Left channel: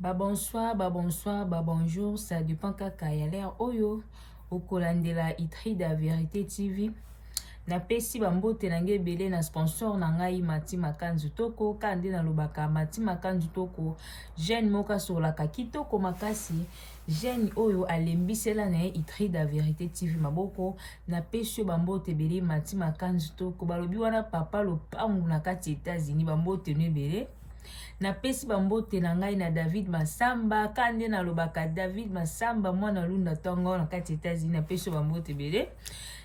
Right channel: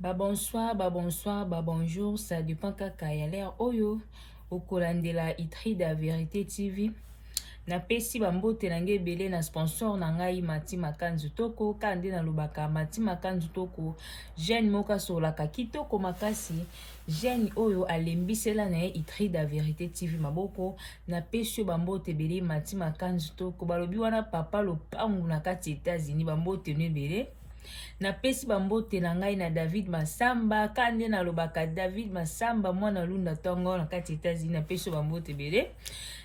Bonsoir, bonsoir, bonjour, ça dépend kaka ya l'air oyo okolandela Itrida Vérité TV. Na pesi bambote nange belé na sponsor na ngai Mati Makanzu Toko kande na lobaka Mati Makanzu Toko jeune moka solaka kitoko makasi jeune oyo alembisela na Itrida Vérité TV maboko na pesi bambote belé Mati Makanzu Toko balobi wana papa lopangu na kati États-Unis bambote ne belé na pesi bambote na ngai na David Masamba kande na lobaka David Masamba mwana lunda tongo na kati États-Unis na pesi bambote belé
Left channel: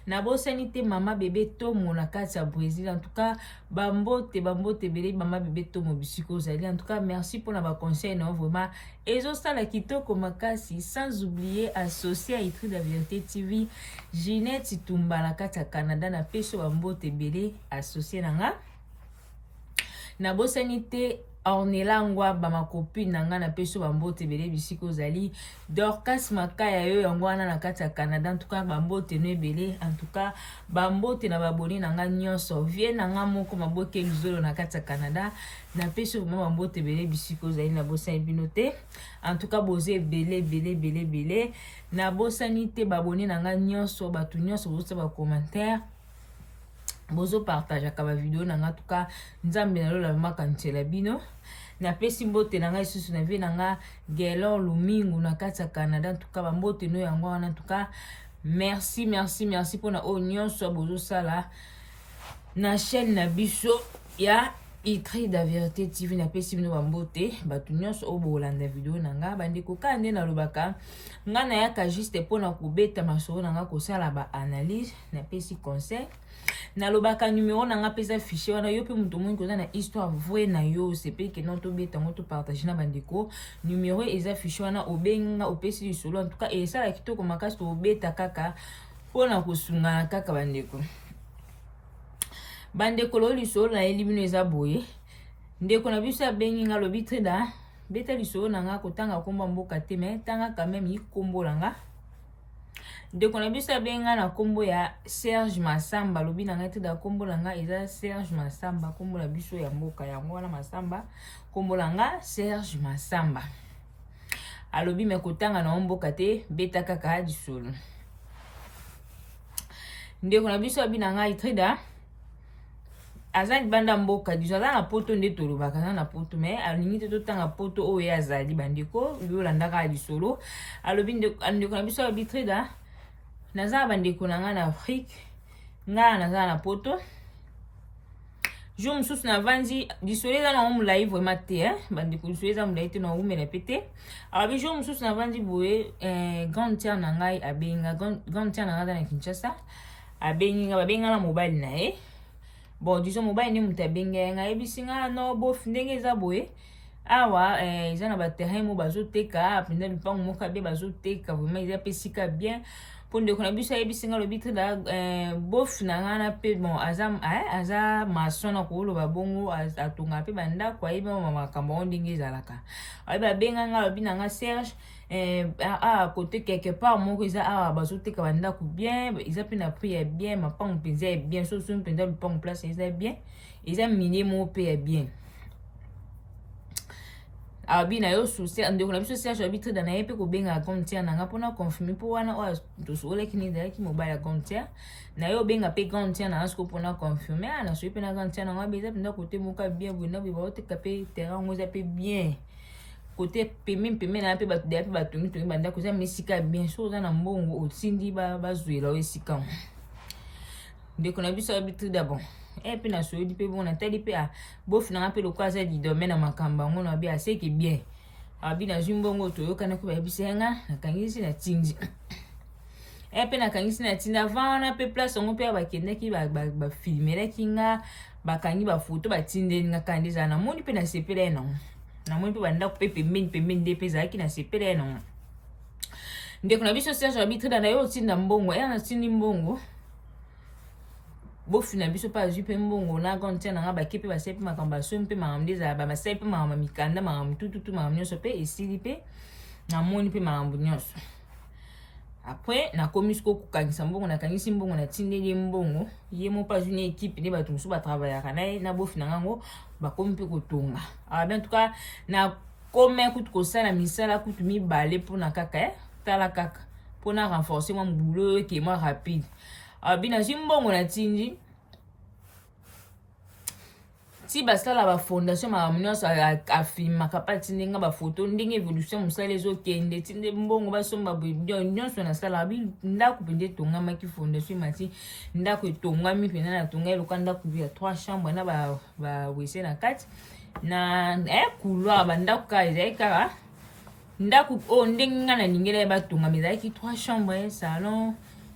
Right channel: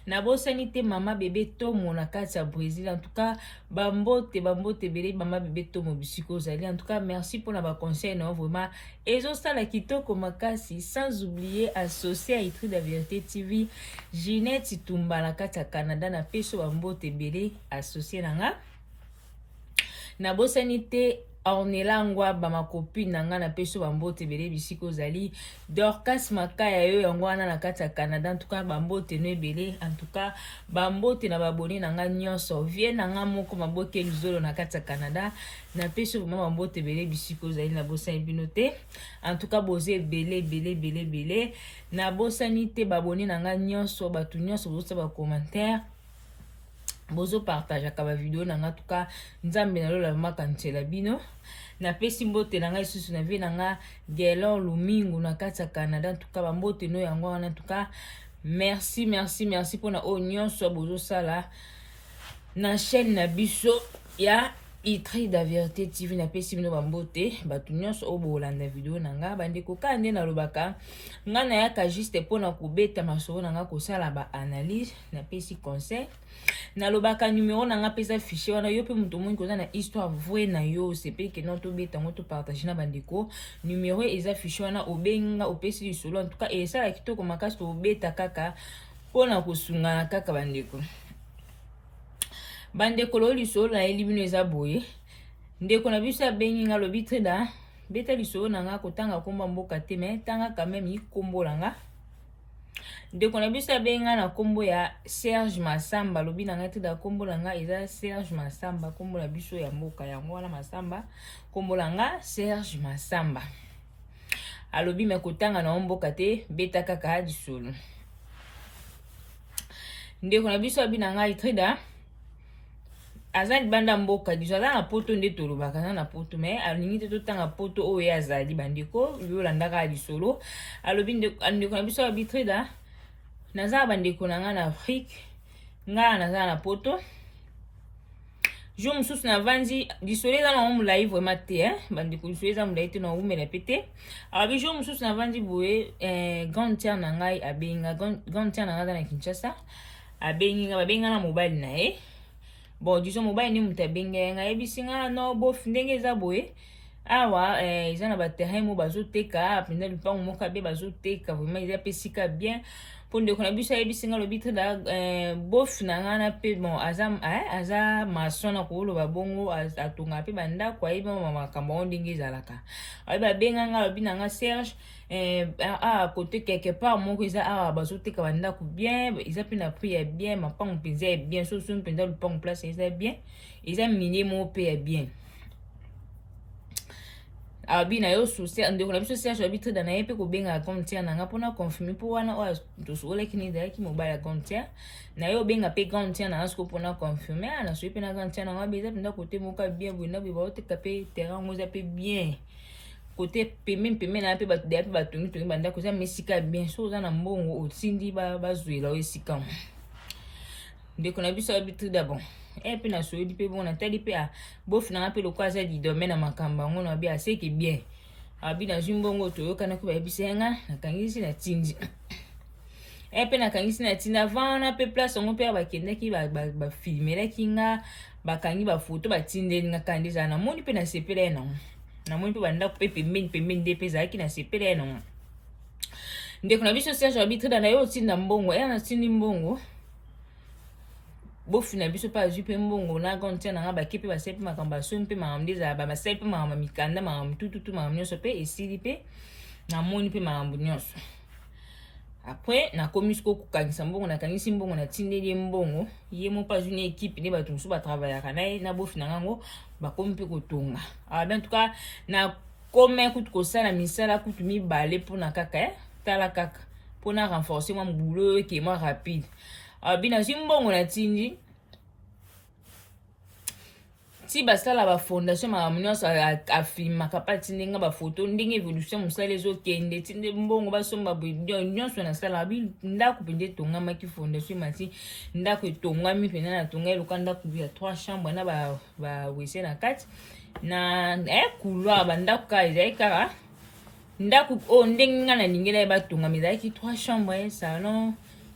na bosani te mama bébé tomo na kati ya Brésil. En tout cas bambote belé mama bébé tomo bisiko zali. En tout cas merci pour na ba conseil na vraiment ezosala kitoko makasi, sans oublier associé à Itrida Vérité TV Ginette Tumba na kati ya Canada na pesi bambote belé associé na nga na bosani te Ornelangwa bama copine nanga na peso bambote belé bisiko zali Dorcas Makaya yo yango wana na kati ya Canada. En tout cas bambote no belé, en tout cas bambote na baboni nanga nyonso vie nanga moko maboke lizolo na kati ya Canada na peso bambote belé bisiko zali na bosani bino te. En tout cas boze belé na bosani te baboni nanga nyonso batu nyonso bozo ba commentaire bozo partage akaba video nanga. En tout cas nzambe na lola makancela bino na pesi mbote nanga isusu na vie nanga Gelor Lumingu na kati ya Canada. En tout cas bambote no yango wana. En tout cas merci pour na nyonso bozo sala na chaîne na biso ya Itrida Vérité TV na pesi bino bambote batu nyonso o bolanda video nanga bandeko kande na lobaka nga na yaka juste pona kubeta masoro nanga kosala ba analyse na pesi conseil na lobaka numéro nanga pesa fichier wana yo pe muto mwingi koza na histoire vraie na yo sepe ke non to beta ngo to partager na bandeko numéro eza fichier wana obenga opesi lisolo. En tout cas esa la kitoko makasi to beta kaka pona kosunga kaka bandeko lo lisolo na elimino eza boye ndeko na biso abengi nga lobi Itrida beta lisolo nanga kotanga komba mboka te me tanga quand même ikombola nga ndeko na biso abenga na kombo ya Serge Masamba lobi nanga Itrida kombo langa eza Serge Masamba kombo la biso ya mboka yango wana Masamba kombo langa Serge Masamba alobi me kotanga na mboka te beta kaka lisolo. Ndeko na biso abinanga Itrida azali banda mboka diso aza na poto nde tolobaka na poto me alingi te totanga poto oyo azali bandeko yolandaka lisolo alobi ndeko na biso Itrida naza bandeko na nga na Afrique nga naza na poto jour mosusu na vanzi lisolo eza na molai vraiment te bandeko lisolo eza molai te na umela pete alobi jour mosusu na vanzi boye grande tiere na ngai abenga grande tiere na nga aza na Kinshasa abengi nga babenga na mobile na ye bon disons mobile ni muta benga nga yebisi nga no bof ndenge eza boye awa eza na baterrain mo bazoteka penda lupango moko be bazoteka vraiment eza pesika bien po ndeko na biso ayebisi nga lobi Itrida bof na nga na pe bon aza mason na koloba bongo atonga pe bandako ayebi makambo ngo ndenge ezalaka ayebi abenga nga lobi na nga Serge côté quelque part moko eza awa bazoteka bandako bien eza pe na prix ya bien mapango mpenza ya bien soso mpenza lupango place eza bien eza minie moko pe ya bien abi na yo souci ndeko na biso Serge abi Itrida na ye pe kobenga grande tiere nanga mpona confirmer po wana oyo tosoleki ni ezalaki mobile ya grande tiere na yo obenga pe grande tiere nanga siko mpona confirmer na soki pe na grande tiere nanga be eza mpenza kote moko bien boye ndako baoteka pe terrain ngo eza pe bien kote pembe na pe bato deya pe batongi bandako eza mesika bien so oza na mbongo otindi bazwela o esika ndeko na biso abi Itrida bon pe na soyedi pe bon natali pe bofi nanga pe lokwa aza lidome na makambo yango na bi aseki bien abi nazwi mbongo toyokana ko bayebisa nga nakangisi na tindi pe nakangisi na tindi avant wana pe place yango pe bakendaki bafilmelaki nga bakangi bafoto batindeli nga kandi ezala namoni pe nasepela ye nango namoni pe bandako pe pembeni nde pe ezalaki nasepela ye nango. Ndeko na biso Serge abi Itrida na yo otinda mbongo natindi mbongo bofi na biso pa azwi pe mbongo na grande tiere nanga bake pe basali pe makambo basomi pe makambo nde ezala basali pe makambo mikanda makambo tututu makambo nyonso pe esili pe namoni pe makambo nyonso après nakomi siko kokangisa mbongo nakangisi mbongo natindeli ye mbongo ye mo pa azwi na ekipe nde bato mosusu batravaillaka na ye na bofi na ngango bakomi pe kotonga en tout cas na comme kutu kosala misala kutu mibale mpona kaka tala kaka mpona renforcer mon boulot eke moi rapide. Bina nazwi mbongo na tindi ti basala ba fondation makambo nyonso afilmaka mpa tindi nga bafoto ndenge évolution mosala ezokende tinde mbongo basomba nyonso nasalaka ndako mpenza etongamaki fondation mati ndako etongwami mpenza natonga eloka ndako ya 3 chambre na bawese na kati na couloir bandako kaka ezalaki kaka ndako oyo ndenge nga nalingela ye batongama ezalaki 3 chambre salon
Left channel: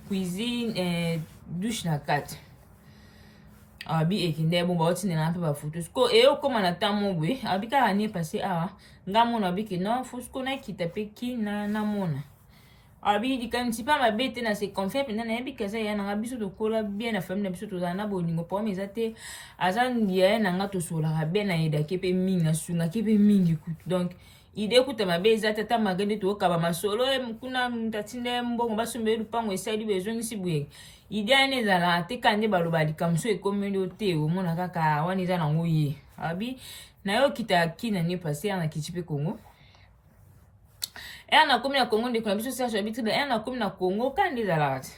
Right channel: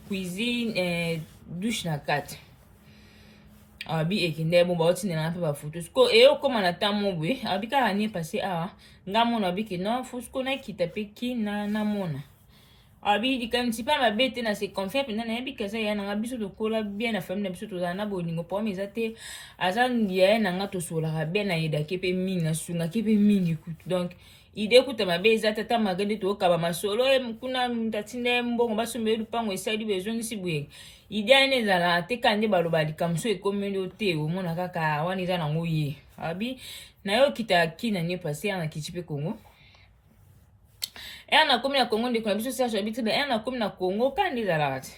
cuisine douche na kati. Abi ekinde bon ba otinela mpe bafoto siko eyokoma na ntango boye abi kaka nie passé awa nga mona abi ke non fo siko nakita mpe kina namona abi likanisi mpe mabe te na se confie mpenza nayebi kaza ya nanga biso tokola bien na famille na biso tozala na bolingo problème eza te aza ya ye nanga tosolaka bien nayedaki mpe mingi nasungaki mpe mingi kutu donc ide kuta mabe eza tata magende tokaba masolo kuna tatinde mbongo basombe lupango esali bezongisi boye ide ane ezala te kande baloba likamso ekomi te omona kaka wana eza nango ye abi nayokita kina nie passé na kiti mpe Congo nakomi na Congo ndeko na biso serge abi tribe nakomi na Congo kande ezalaka te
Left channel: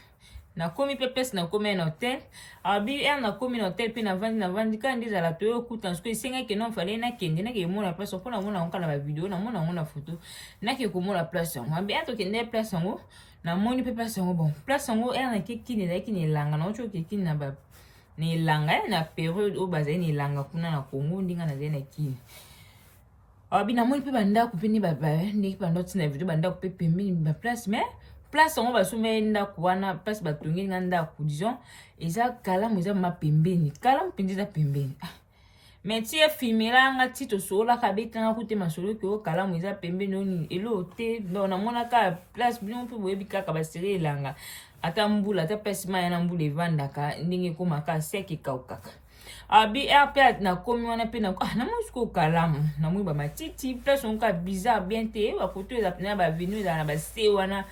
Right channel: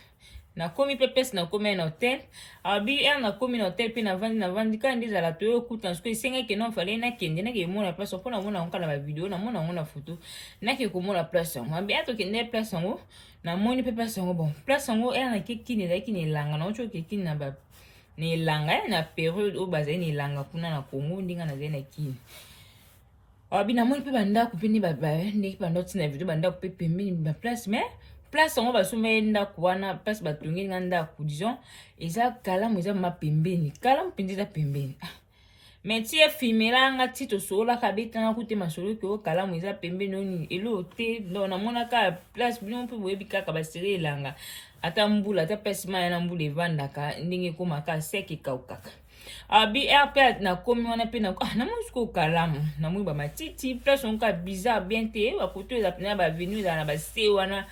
nakomi mpe place nakomi na hotel abi nakomi na hotel mpe navandi kande ezala toyokuta siko esengaki non fale nakende nake komona place mpo namona yango kala bavideo namona yango na foto nake komona place yango abi tokende place yango namoni mpe place yango bon place yango nakekini ezalaki na elanga naoki okekini na elanga na période oyo bazali na elanga kuna na Congo ndinga nazali na kini abi namoni mpe bandako mpe ndenge bandako tina video bandako mpe pembeni baplace mais place yango basombe ndako wana place batongeli nga ndako disons eza kalamu eza mapembeni kalamu mpenza eza pembeni mais ti efilmela nga ti tosololaka betanga kute masolo ke okalamu eza pembeni oni elo te donc namonaka place bino mpe boyebi kaka basere elanga ata mbula ata place maya na mbula evandaka ndenge ekomaka seke ekaukaka abi mpe nakomi wana mpe namoni siko kalamu namoni bamatiti place onka bizarre bien te bakoto eza pena bavenu ezala na base wana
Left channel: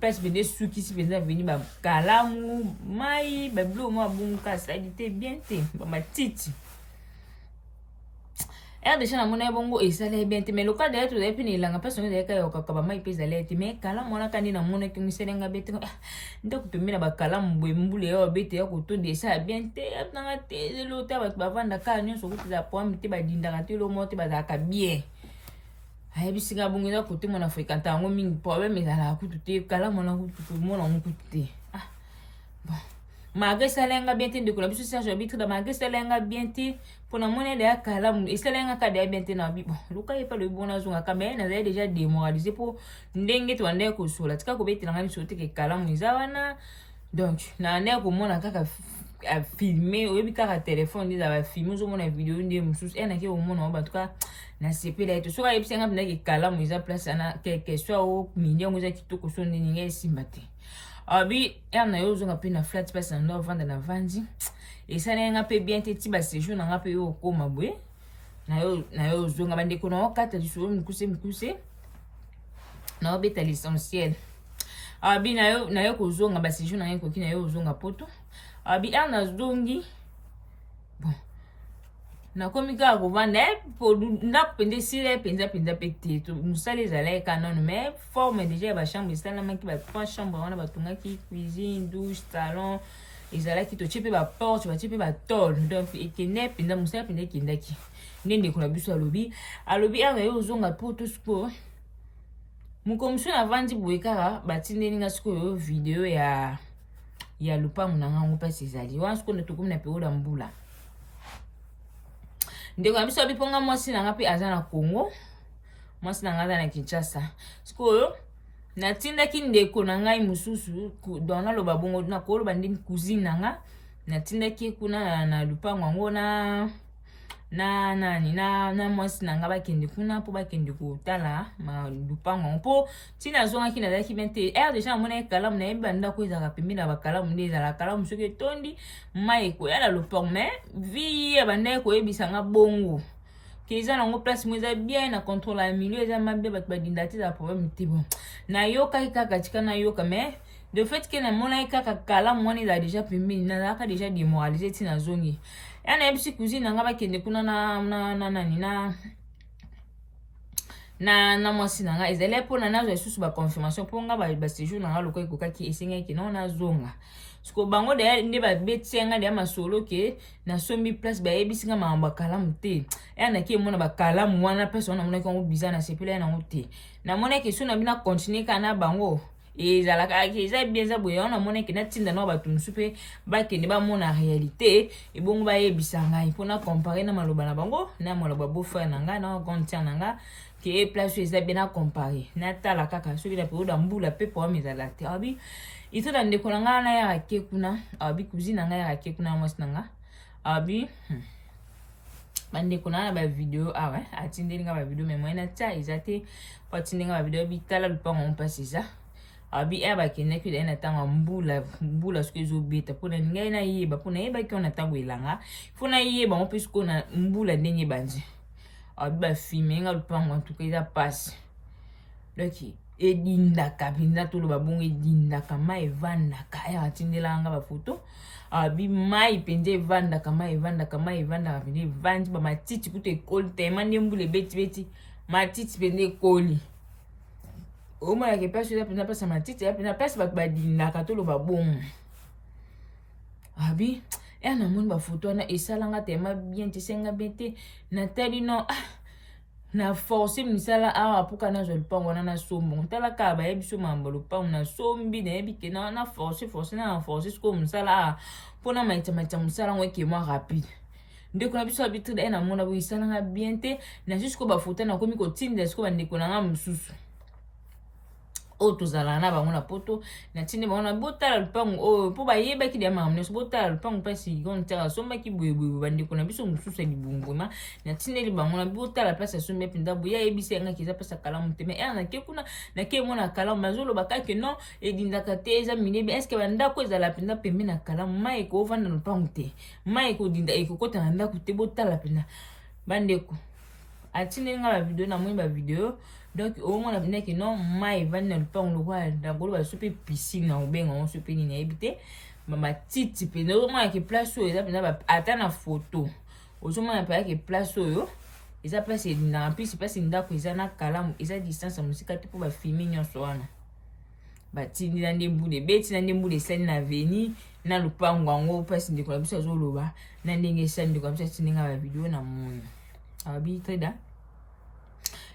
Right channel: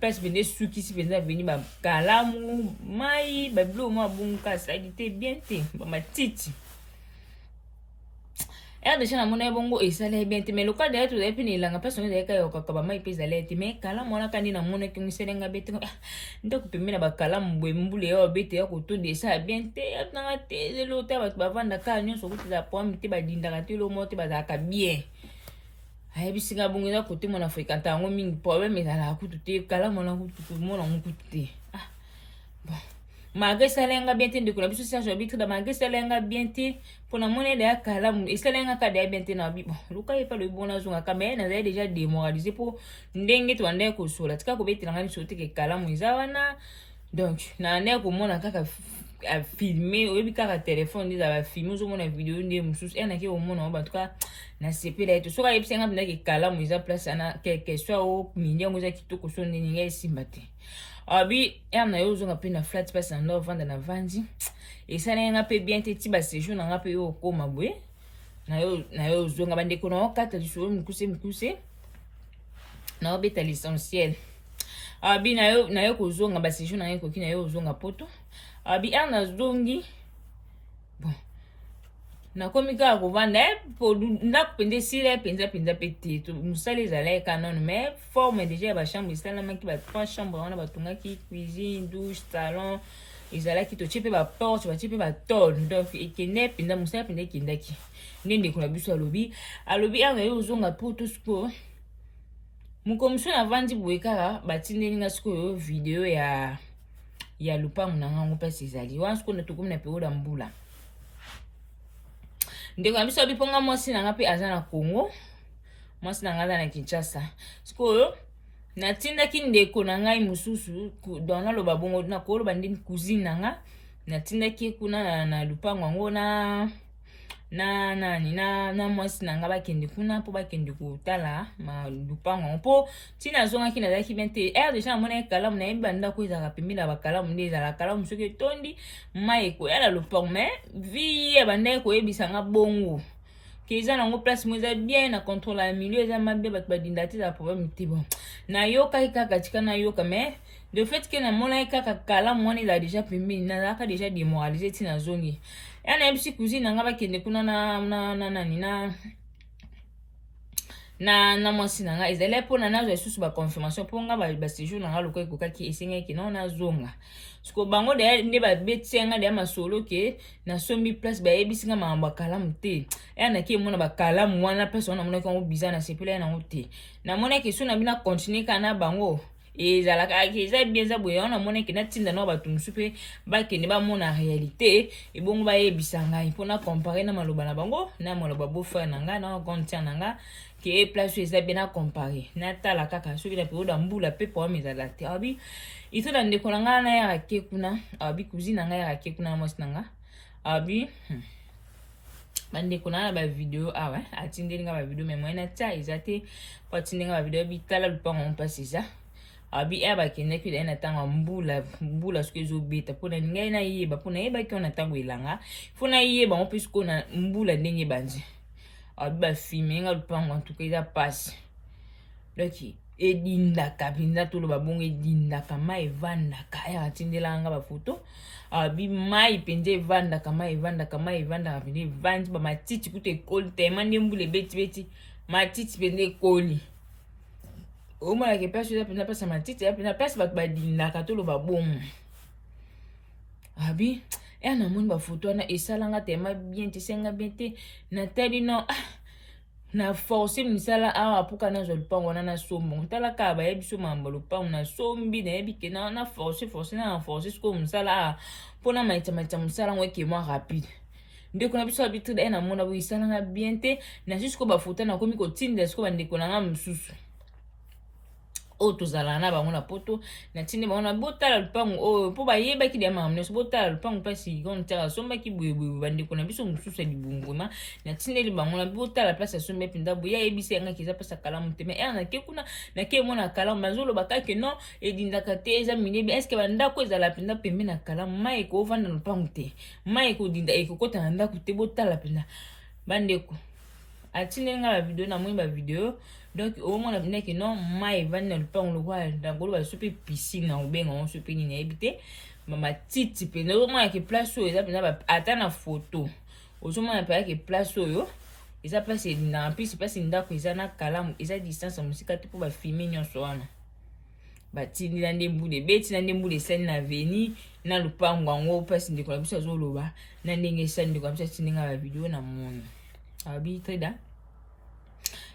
place pende sukisi mpenza veni bakalamu mai babilo mwa bunga asali te bien te bamatiti déjà namona bongo esala bien te mais loka d'ailleurs tozali mpe na elanga place ongo ezalaka yokaka bamai mpe ezali te mais kalamu wana kandi namonaki misalenga bete ndako pembe na bakalamu boye mbula ya babete ya kotonda esala bien te nanga te lelo te bato bavandaka nyonso kuti eza problème te badindaka te lomo te bazalaka bien ayebisinga bongo eza kote mona fréquente yango mingi problème ezalaka kutu te kalamu wana kutu mona ngo kutu te bon malgré esalenga bien te ndeko na biso serge arbitre da malgré esalenga bien te mpona mona ya kalamu esalenga kada ya bien te na bi bon luka ye pa lo bona zongaka mais nazali déjà démoralisé mpo ndenge tobandaki kosola tika kobetelanga biso te ke kalamu eza wana donc nandeki komona kaka filme oyebi kaka telefone nde ezala bafilme ozomona video nde mosusu naki komona ngo bantuka nasepela ete soki ayebisanga mpena ke kalamu eza place ana quelque soit o mindiango eza kitoko so nde ninga esimba te abi na yo ozonga mpe na flat place na ndo ovanda na vandi esalaki nga mpe bien te ti baséjour na nga mpe yo okoma boye na yo ozonga bandeko na okata lisolo mikuse na obeta l'essentiel abi na yo kozonga baséjour na nga ekoki na yo ozonga poto abi nazongi bon nakomi kaka kovanda ndako mpenza esila mpenza mpe te mosala ezalaki kanono mais forme déjà ya bachambre esalamaki ba 3 chambre wana batongaki cuisine douche salon ezalaki totie mpe baporte batie mpe batole donc ekende mpenza mosala mpenza ekendaki nde ndeko na biso alobi yo ozonga poto sikoyo mokomiso navandi boye kaka batindeli nga sikoyo video ya lupango na ngango mpasi ezali wana sikoyo tokomi na periode ya mbula ndeko na biso abiponga mwasi nanga mpe aza na Congo mwasi nanga aza na Kinshasa sikoyo natindaki ndeko na ngai mosusu donc naloba bongo nakoloba nde cousine nanga natindaki kuna na lupango yango na mwasi nanga bakende kuna mpo bakende kotala lupango yango mpo ntina azongaki nazalaki bien te déjà namonaki kalamu nayebi bandako ezalaka pembe na bakalamu nde ezalaka kalamu soki etondi mai ekoyala lupango mais vi ya bandaki koyebisanga bongo ke eza nango place mo eza bien na contrôle ya milieu eza mabe bato badinda te eza problème te bon nayokaki kaka tika nayoka mais de fait ke namonaki kaka kalamu wana ezala déjà pembeni nazalaka déjà démoralisé ntina azongi nayebisi cousine nanga bakende kuna na mwasi na nga ezali mpona nazwa lisusu baconfirmation mpo nga baséjour na nga loko ekokaki esengaki nao nazonga siko bango deya nde babeti nga deya masolo ke nasombi place bayebisi nga makambo ya kalamu te eya naki emona bakalamu wana place wana namonaki yango biza na sepela ya nango te namonaki so na bina continue kaka na bango ezalaka eza bien eza boye wana namonaki natinda nao bato mosusu mpe bakende bamona réalité ebongo bayebisa ngai mpona compare na maloba na bango na maloba beau-frère na nga na grande sœur na nga ke place eza bien na compare natala kaka soki na periode ya mbula mpe problème ezala te abi itoda ndeko na nga nayaka ke kuna abi cousine na nga yaka ke kuna na mwasi na nga abi bandeko na bavideo awa atindeli nga bavideo me moyena tia eza te po atindeli nga bavideo bitala lupango mpasi eza abi eya bakendaki daye na ntango mbula soki ezobeta mpona ngai nayeba mpo nayebaki ona ntango elanga fo nayeba ngo mpe sikoyo na mbula ndenge ebanzi abi bafilme nga lupango antuka eza pasi donc edindaka mpenza toloba bongo edindaka mai evandaka eya atindelaka nga bafoto abi mai mpenza evandaka mai evandaka mpenza evandi bamatiti kuta ekoli tema nde mbula ebetibeti matiti mpenza ekoli omonaka mpasi eza mpenza mpasi ya matiti eza mpenza mpasi bato badindaka toloba bongo abi eya namoni bafoto wana esalanga tema bien te esenga bien te natali no na force misala awa apuka nazwa lupango wana nasombo tala kaka bayebi so makambo lupango nasombi nayebi ke na force na force sikoyo mosala awa mpona maita mosala ngo eke mwa rapide ndeko na biso habitude aye namona boye esalanga bien te nasi sikoyo bafoto nakomi kotinda sikoyo bandeko na nga mosusu oyo tozala na bango na poto natindi bango na botala lupango oyo mpo bayebaki deya makambo nyonso botala lupango mpasi gontere asombaki boyeboye bandeko na biso mosusu ya libunguma natindeli bango na botala place asombi mpenza boye ayebisi yangaki eza mpasi ya kalamu te me ere nake kuna nake emona kalamu bazoloba kake no edindaka te eza minebi eske bandako ezala mpenza pembe na kalamu mai ekoovanda na lupango te mai ekodinda ekokota na ndako te botala mpenza bandeko atindeli nga bavideo namoni bavideo donc au moins la que non mai van na lupango lokwa ndangolo basupe piscine na obenga on supe ni nayebi te matiti mpe nazomona ke place oyo eza mpenza ata na foto ozomona mpenza ke place oyo eza place edindaka mpisi place ndako eza na kalamu eza distance ya mosika te mpo bafilme nyonso wana batindi na nde mbula ebeti na nde mbula esali na veni na lupango yango place ndeko na biso azoloba na ndenge esali ndeko na biso atindi nga bavideo na moni abi treda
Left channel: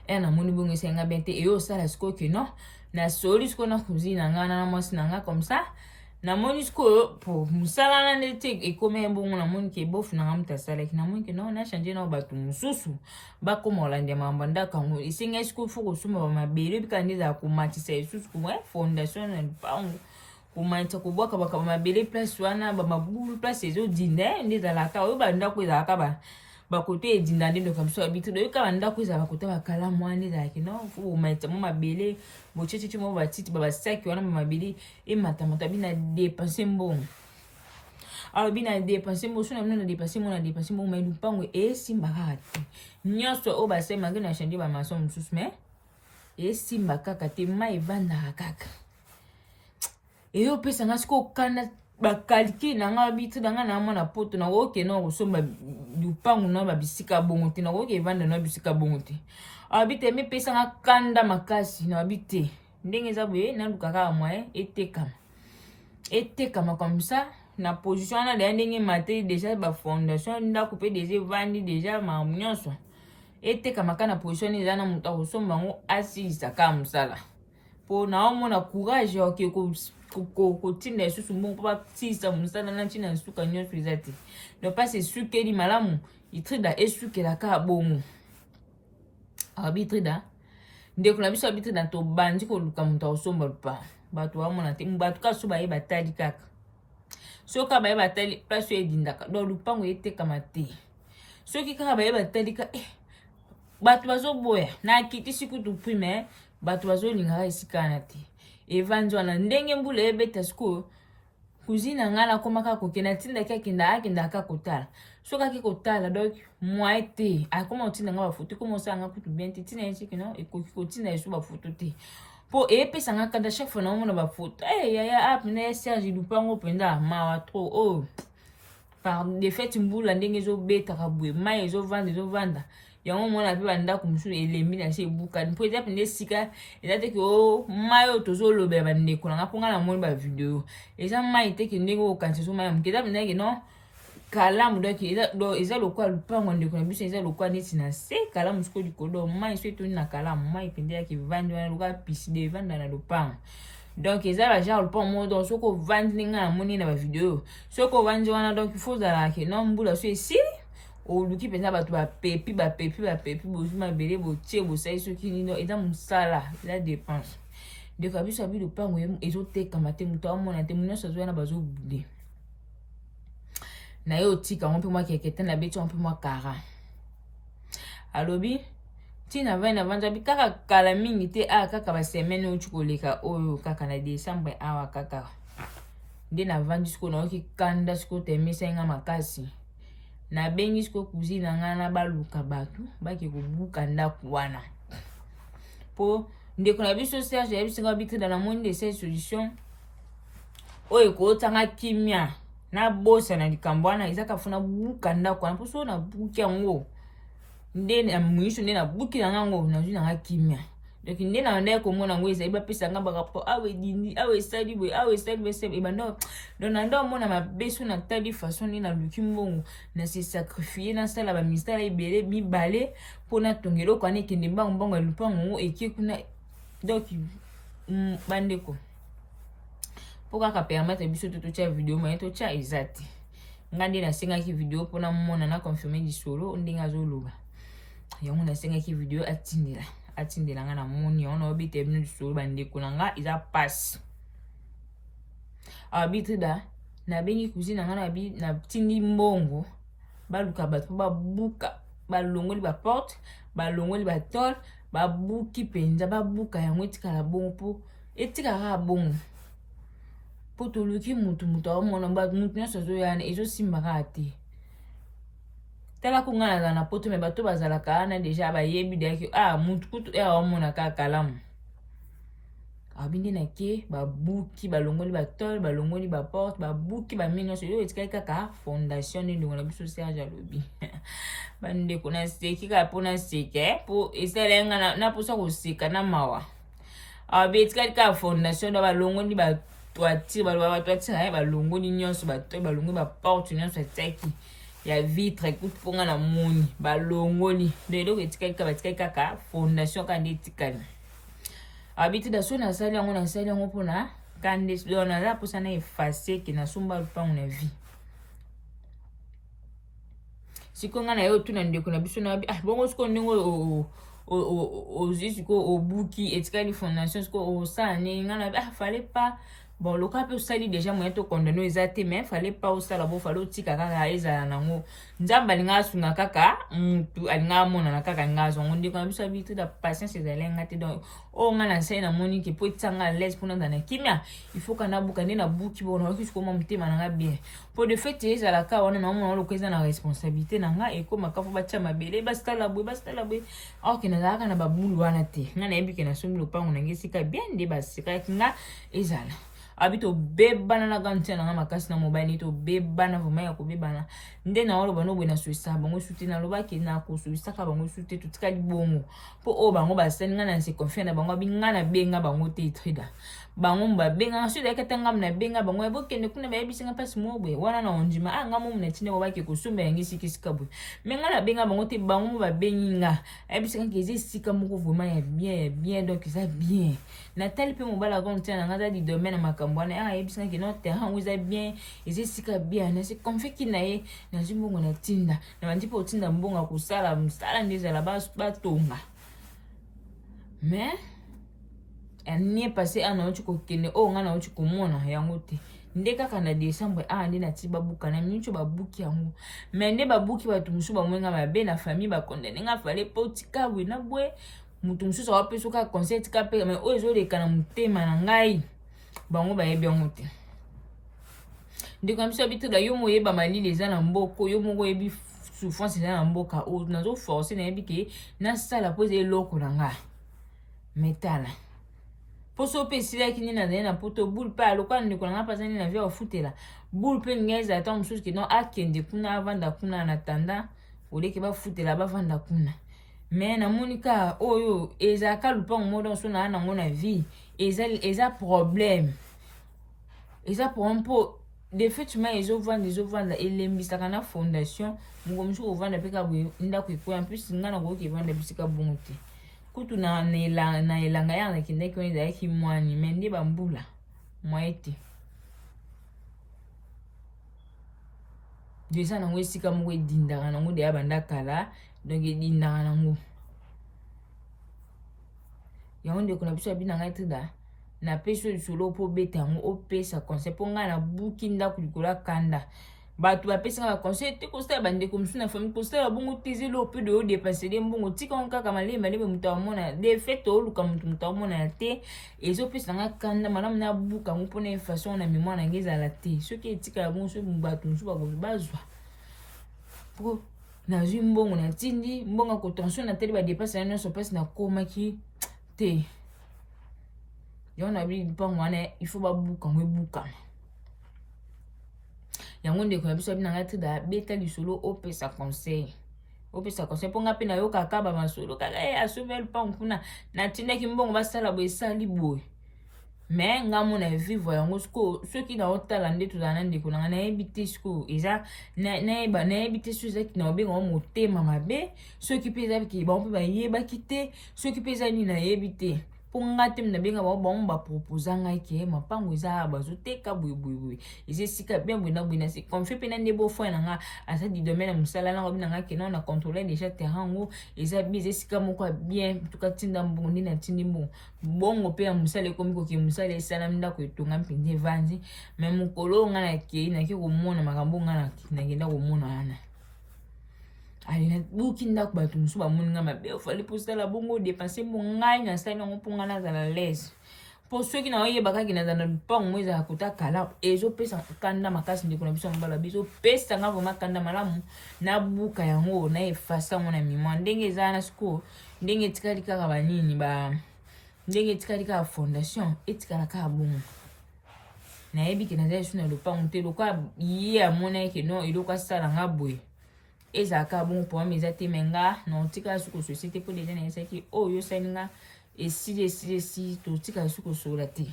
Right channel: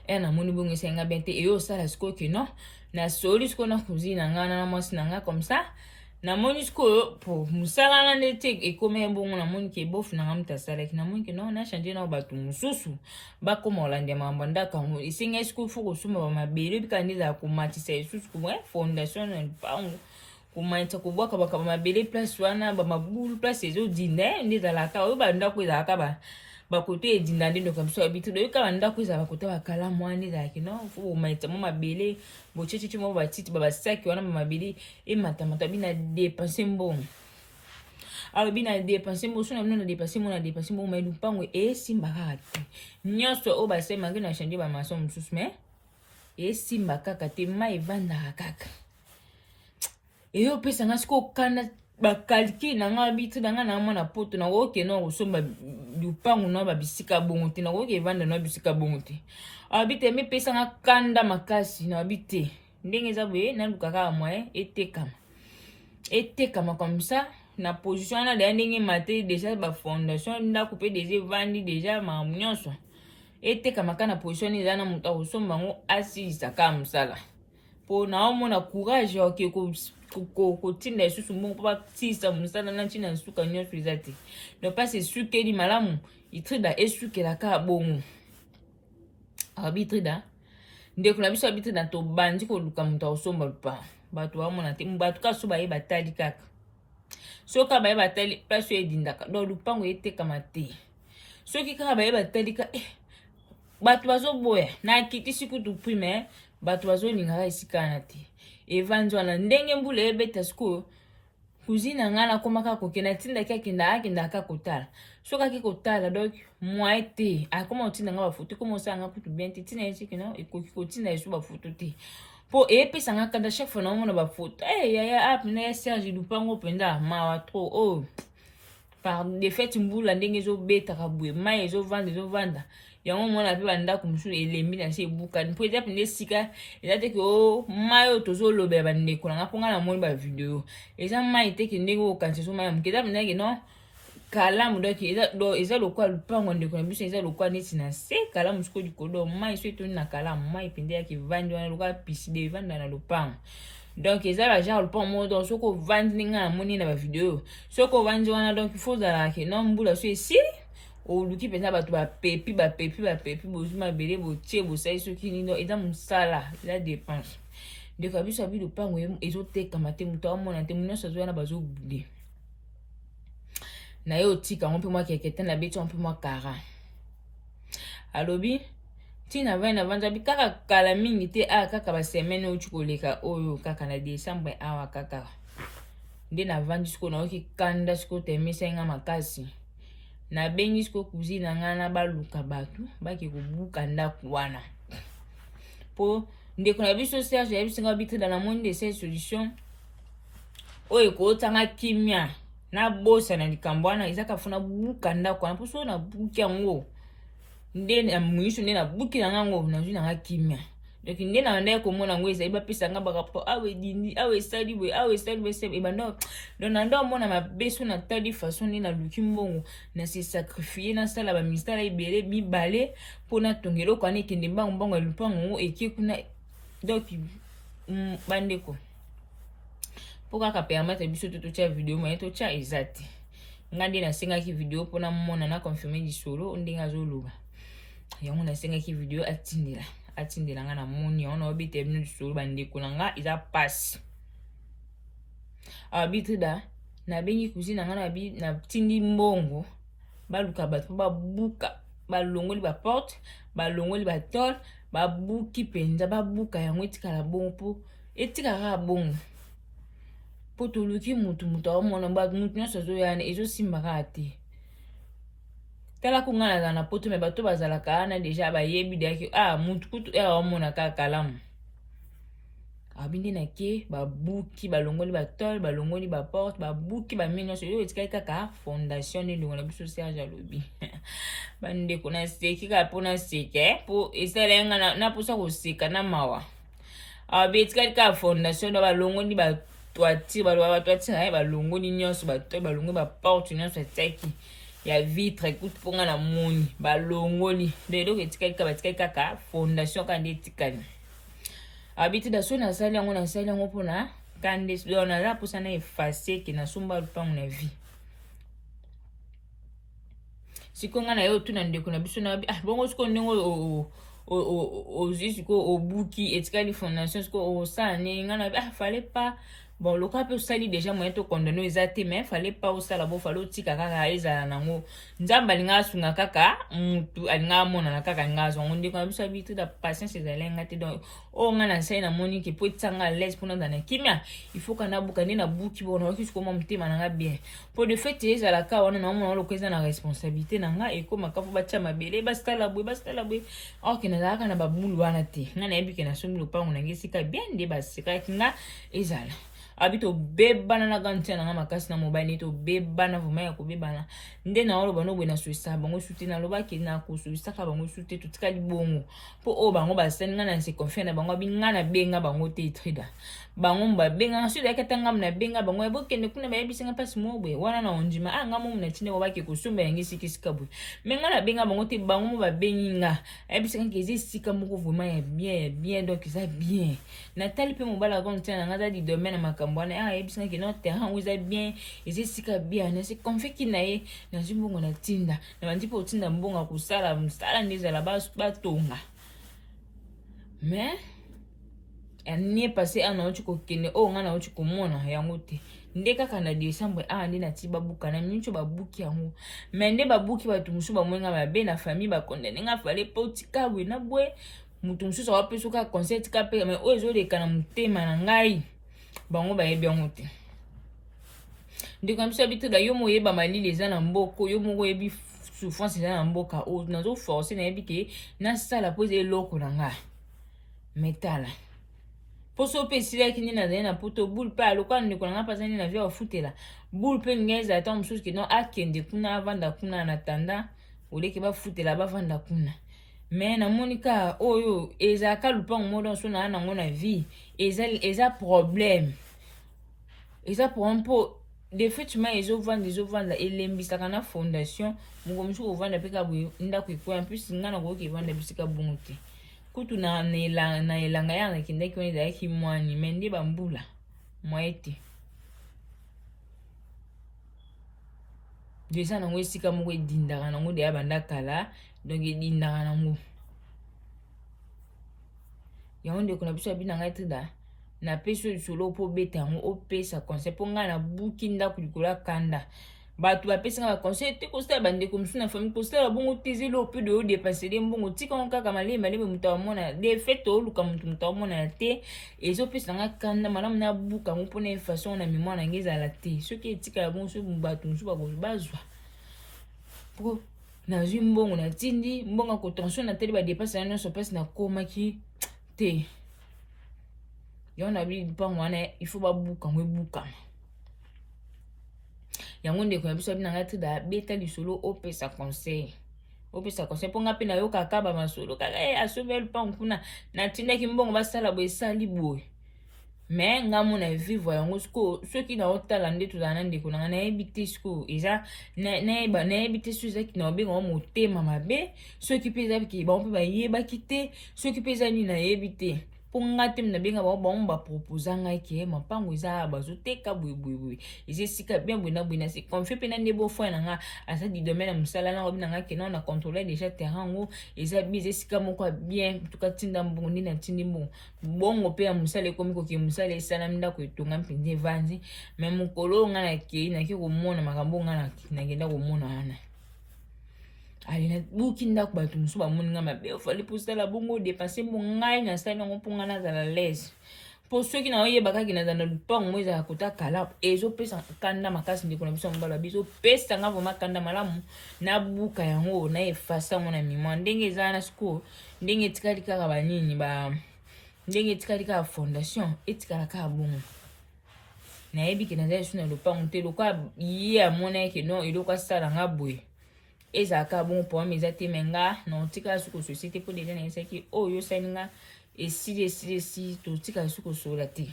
eya namoni bongo esenga bien te eyo osala sikoyo ke no nasoli sikoyo na cousine na nga na mwasi na nga comme ça namoni sikoyo po mosala na nde te ekomi bongo namoni ke bofu na nga moto asalaki namoni ke no nachange nao bato mosusu bakoma kolanda makambo ya ndako yango esengai sikoyo fo kosomba bamabele bika nde ezala komatisa lisusu fondation na lupango komatisa kobwaka bakaba mabele place wana bamabulu place ezodinda nde ezalaka oyo bandako ezalaka bakote edinda nde ndoka biso habitude oyo kaka ndako ezala bakote bakalamu wana ezalaki no fo bomaita mo mabele bochecheche mo batiti babasaki wana mabele ematamata bina dépense mbongo alors bina dépense mbongo so na bino na dépense mbongo mai lupango esimba kaka te nyonso oyo basemaki na change bamaso mosusu mai esimba kaka te mai evandaka kaka eyo opesanga sikoyo okanda bakalki na nga bitu na nga na mona poto na woke na osomba lupango na babisika bongo te na woke evanda na bisika bongo te abite mi pesa nga kanda makasi na abite ndenge za boye na lukaka moye etekama comme ça na position na de ndenge maté déjà ba fondation ndako pe déjà vandi déjà ma nyonso etekama kana position eza na muta osomba ngo asisa ka musala po na omona courage ok kotinda lisusu mbongo mpo basisa mosala na ntina nsuka nyonso eza te donc mpasi esukeli malamu itrida esukelaka bongo abitrida ndeko na biso abitrida tobandi koluka moto akosomba lupango bato bamona te bato kaka so bayeba tali kaka soki bayeba tali place oyo edindaka donc lupango etekama te soki kaka bayeba tali ka bato bazoboya na kitisi kutu prime bato bazolingaka esika wana te evandi wana ndenge mbula ebeta sikoyo cousine nga nakomaka kokenda tindaki akendaka kotala soki aki kotala donc mwa te akoma kotinda nga bafoto ekoma osalanga kutu bien te tina esiki na ekoki kotinda esu bafoto te mpo epesanga kanda chaque fois naomona bafoto yaya apena ya serge lupango mpenza mawa tro oyo par de fait mbula ndenge ezobetaka boye mai ezovanda yango mona pe bandako mosusu elembi na se ebukani mpo eza pende sika eza te ke o mai oyo tozolobela bandeko nanga mpo nga na moni bavideo eza mai te ke ndenge okanisa so mai ya moke eza pendeke non kalamu donc eza lokwa lupango ndeko na biso eza lokwa neti na se kalamu siko likolo mai so etoni na kalamu mai pende yaki vandi wana lokwa piside evanda na lupango donc eza ba genre lupango moko donc soko vandi ndenge na moni na bavideo soko vandi wana donc il faut ozala ke non mbula so esili oluki mpenza bato bapepi bozwi mabele botie bosali soki nino eza mosala eza dépense ndeko ya biso abi lupango ezotekama te moto amona te nyonso azoya na bazobule na ye otika yango mpe mwa kekete na beti yango mpe mwa kara alobi ntina vai na vanja bi kaka kala mingi te kaka basemene outi koleka oyo kaka na décembre awa kaka nde na vandi siko naoki kanda siko temisa nga makasi na bengi siko kuzi na nga na baluka bato bake kobuka ndako wana po ndeko na biso Serge ya biso nga bitre dans la monde de cette solution oyo ekotanga kimia na bosa na likambo wana ezaka funa buka ndako wana mposo na buki yango nde na mwiso nde na buki na ngango nazwi na nga kimia donc nde na ndeko komona ngo ezali bapesa nga barapport awe dini awe sali bwe sebe ebando donc na ndo mona mabeso na tali façon nde na luki mbongo na se sacrifier na sala ba ministère ebele bibale pona tongelo kwa ne kende mbongo ya lupango eki kuna donc bandeko po kaka permettre biso totia video mais totia exact ngandi na sengaki video pona mona na confirmer lisolo ndenge azoloba yango na sengaki video atindela nga na moni ona obite bino lisolo bandeko na nga eza passe abitrida na bengi kuzina nga na tindi mbongo baluka bato babuka balongoli ba porte balongoli ba tol babuki penza babuka yango etikala bongo po etikala bongo po toluki mutu amona mutu nyonso azoyana ezosimbaka te tala ko ngana na poto me bato bazalaka wana deja bayebi deke mutu kutu amona kaka kalamu abindi na ke babuki balongoli batol balongoli baporte babuki bamini nyonso oyo etikali kaka fondation nde ndeko na biso Serge alobi bandeko na seki kaka mpona seke po esalenga na posa koseka na mawa abe etikali kaka fondation na balongoli batoitire batoitire balongoli nyonso batol balongoli baporte nyonso etiaki ya vitre ekuti mponga na moni balongoli nde eloko etikali kaka batikali kaka fondation kaka nde etikali abiti da so na sali yango mpona kande na la posa na efase ke na somba lupango na vie siko nga na yo tuna ndeko na biso na bongo siko ndenge ozwi siko obuki etikali fondation siko osala ne nga na fallait pas bon loka pe osali déjà moyen to condamner eza te mais fallait pas osala bo fallait otika kaka ezala nango nzambe alinga asunga kaka mutu alinga amona na kaka alinga azongo ndeko na biso abitu da patience ezalenga te donc nga na nsai na moni ke po etanga à l'aise mpona na kimia il faut kana buka nde na buki bona oki sikoma motema nanga bien po de fait ezalaka wana na omona oloko eza na responsabilité na nga ekomaka fo batia mabele basala bwe or ke nazalaka na babulu wana te nga nayebi ke nasombi lopango nange esika bien nde basekaki nga ezala abito bebana na gantia na makasi na mobile to bebana vuma ya kobebana nde na olo bano bwena suisa bango suti na loba ke na ko suisa ka bango suti tutika libongo po o bango basani nga na se confier na bango binga na benga bango te trader bango mba benga ensuite yakatanga na benga bango ebokende kuna bayebisinga pasi mobwe wana na ondima nga mo mna tine obake ko sumba yangi sikisika bwe menga na benga bango te bango ba beninga ebisinga ke zisika moko vuma ya bien donc ça bien Nathalie pe mobala gontia na ngata di domaine makambo na ebisinga ke no terrain uza bien ezisika bien na se confie ki na ye na zimbongo na tinda na ndipo tinda mbongo kusala msala ndiza la batonga mais année passée ana ochi kokene ngana ochi komona yango te nde kaka na décembre nde na tiba buka na mincho babuki yango mais nde babuki batu musu bamwenga mabe na famille bakondene nga fallait potika bwe na bwe mutu musu wa peso ka concert ka pe mais ozo leka na mutema na ngai bango bayebi yango te nde comme ça bitu da yo moyeba malili eza na mboko yo moko yebi souffrance eza na mboka o nazo forcer na yebi ke na sala pose eloko na nga metala poso pe sila kini na zena poto boule pa lokwa ndeko na pasani na via ofutela boule pe ngeza ata msusu ke no akende kuna avanda kuna na tanda oleke ba futela ba vanda kuna mais na monika oyo ezaka lupango modo so na nango na vie eza problème eza pour de fait ma ezovanda elembisaka na fondation mungo musu kovanda pe ka ndako ekoya en plus ngana ko ke vanda bisika bongo te kutu na elanga ya na kindaki oni ezalaki mwani me nde bambula mwa ete desa nango esika moko edindaka nango deya banda kala donc edindaka nango yango ndeko na biso ya bina ngai trida na peso lisolo po beta yango opesa conseil po ngai na buki ndako likolo ya kanda bato bapesa nga conseil te kosala bandeko mosusu na famille kosala bongo te ezelo mpe de odepasele mbongo tika ngo kaka malema moto amona de fait oluka moto amona te ezopesa nga kanda malamu na buka yango mpona façon na mémoire na ngai ezala te soki etikala bongo soki bato mosusu bazwa po nazwi mbongo natindi mbongo kotension na tele badepasa na nyonso mpasi nakomaki te yango na bi mpango wana il faut babuka ngo ebukama yango ndeko na biso bina ngati da beta lisolo opesa conseil po nga pe na yoka kaba masolo kaka asobe lupango kuna natindaki mbongo basala boye esali boye mais nga mona vivre yango soki na otala nde tozala na ndeko nanga nayebi te siko eza nayebi te so ezaki na obenga motema mabe soki mpe ezaki bango mpe bayebaki te soki mpe eza nini nayebi te po nga te nabenga bango baproposa ngai ke mapango eza bazoteka boyeboyeboye eza esika bien boye na boye na se confie mpe na nde bofoi na nga aza di domaine ya mosala nango bina nga kena na contrôler déjà terrain yango eza bien eza esika moko ya bien tuka tinda mbongo nde natindi mbongo bongo mpe ya mosala ekomi koke mosala esalami ndako etonga mpenza evandi me mokolo nga naki komona makambo nga nagenda komona wana ali buki ndako bato mosusu bamoni nga mabe ofali posala bongo dépense mpo ngai nasali yango mpo ngai nazala lese mpo soki naoyeba kaki nazala lupango mo ezala kota kala ezopesa kanda makasi ndeko na biso yango balobi ezopesa nga vraimen kanda malamu nabuka yango na efasa yango na mémoire ndenge ezala na sikoyo ndenge etikali kaka banini ndenge etikali kaka fondation etikala kaka bongo nayebi ke nazali so na lupango te lokola ye amona eke non eloko asala nga boye ezaka bon pour eza te menga na otika suko société po deja na esaki oyo salinga esili totika suko sola te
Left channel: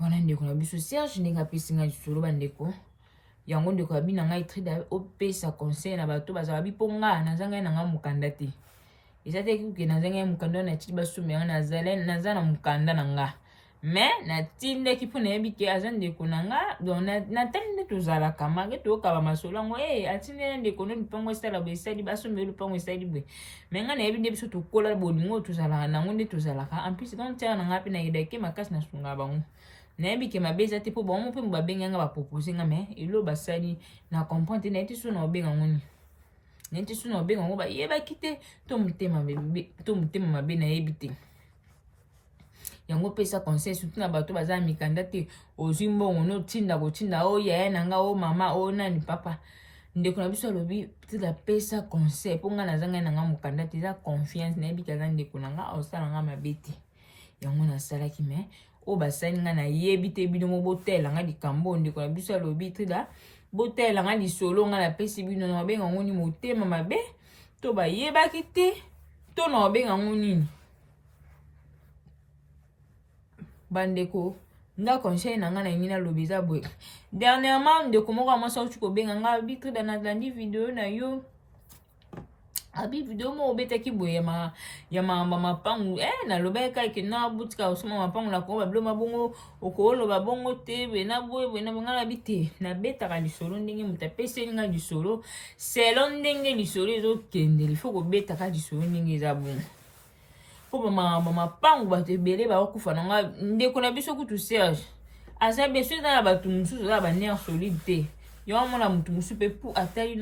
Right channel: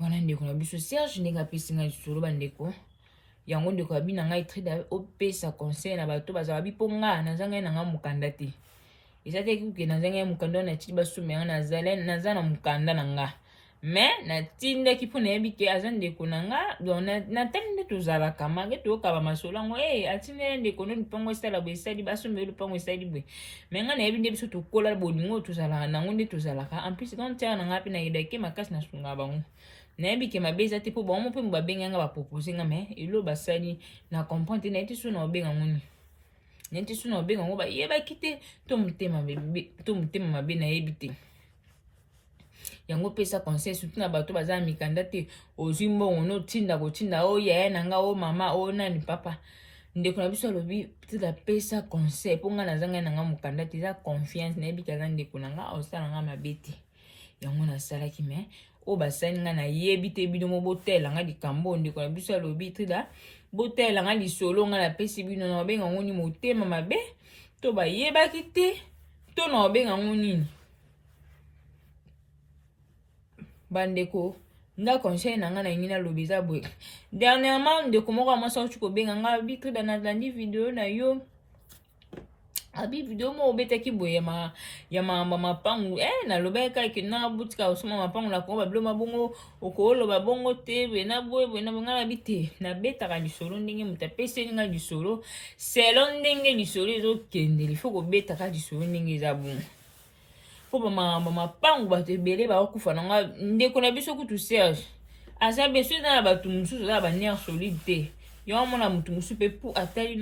wana ndeko na biso Serge ndenge apesi nga lisolo bandeko yango ndeko abi na ngai trida opesa conseil na bato bazala bipo nga naza ngai na nga mokanda te eza te kuke naza ngai mokanda na tili basomela naza na mokanda na nga mais natindaki mpo nayebi ke aza ndeko na nga donc natali nde tozalaka mange toyokaba masolo yango atindeli ndeko nde lupango esala boye esali basombeli lupango esali boye mais nga nayebi nde biso tokola bolingo tozalaka nango nde tozalaka en plus quand tiaka na nga mpe nayebaki makasi nasungaka bango nayebi ke mabe eza te mpo bango mpe babengi nga bapropose nga mais elo basali na comprendre te naye te so na obenga ngoni naye te so na obenga ngo bayebaki te to motema mabe nayebi te yango pesa conseil surtout na bato baza mikanda te ozwi mbongo no tinda kotinda o yaya na nga o mama o nani papa ndeko na biso alobi tila pesa conseil po nga naza ngai na nga mokanda te eza confiance nayebi kaza ndeko na nga osala nga mabe te yango nasalaki me o basali nga nayebi te bino mo botela nga likambo ndeko na biso alobi tila botela nga lisolo nga napesi bino na obenga ngo nini motema mabe to bayebaki te to na obenga ngo nini bandeko nga conseil na nga na ngina lobi za boye dernièrement ndeko moko amasa uchi kobenga nga bitre na landi video na yo abi video mo obetaki boye ya mapangu na loba kaka na butika osoma mapangu na ko bablo mabongo okolo babongo te be na boye na ngala bite na betaka lisolo ndenge mutapese nga lisolo selon ndenge lisolo ezokende il faut ko betaka lisolo ndenge za bongo po mapangu bato ebele bakokufa nanga ndeko na biso kutu Serge aza beso eza na bato mosusu eza baner solide te yo mona motu mosusu mpe po atali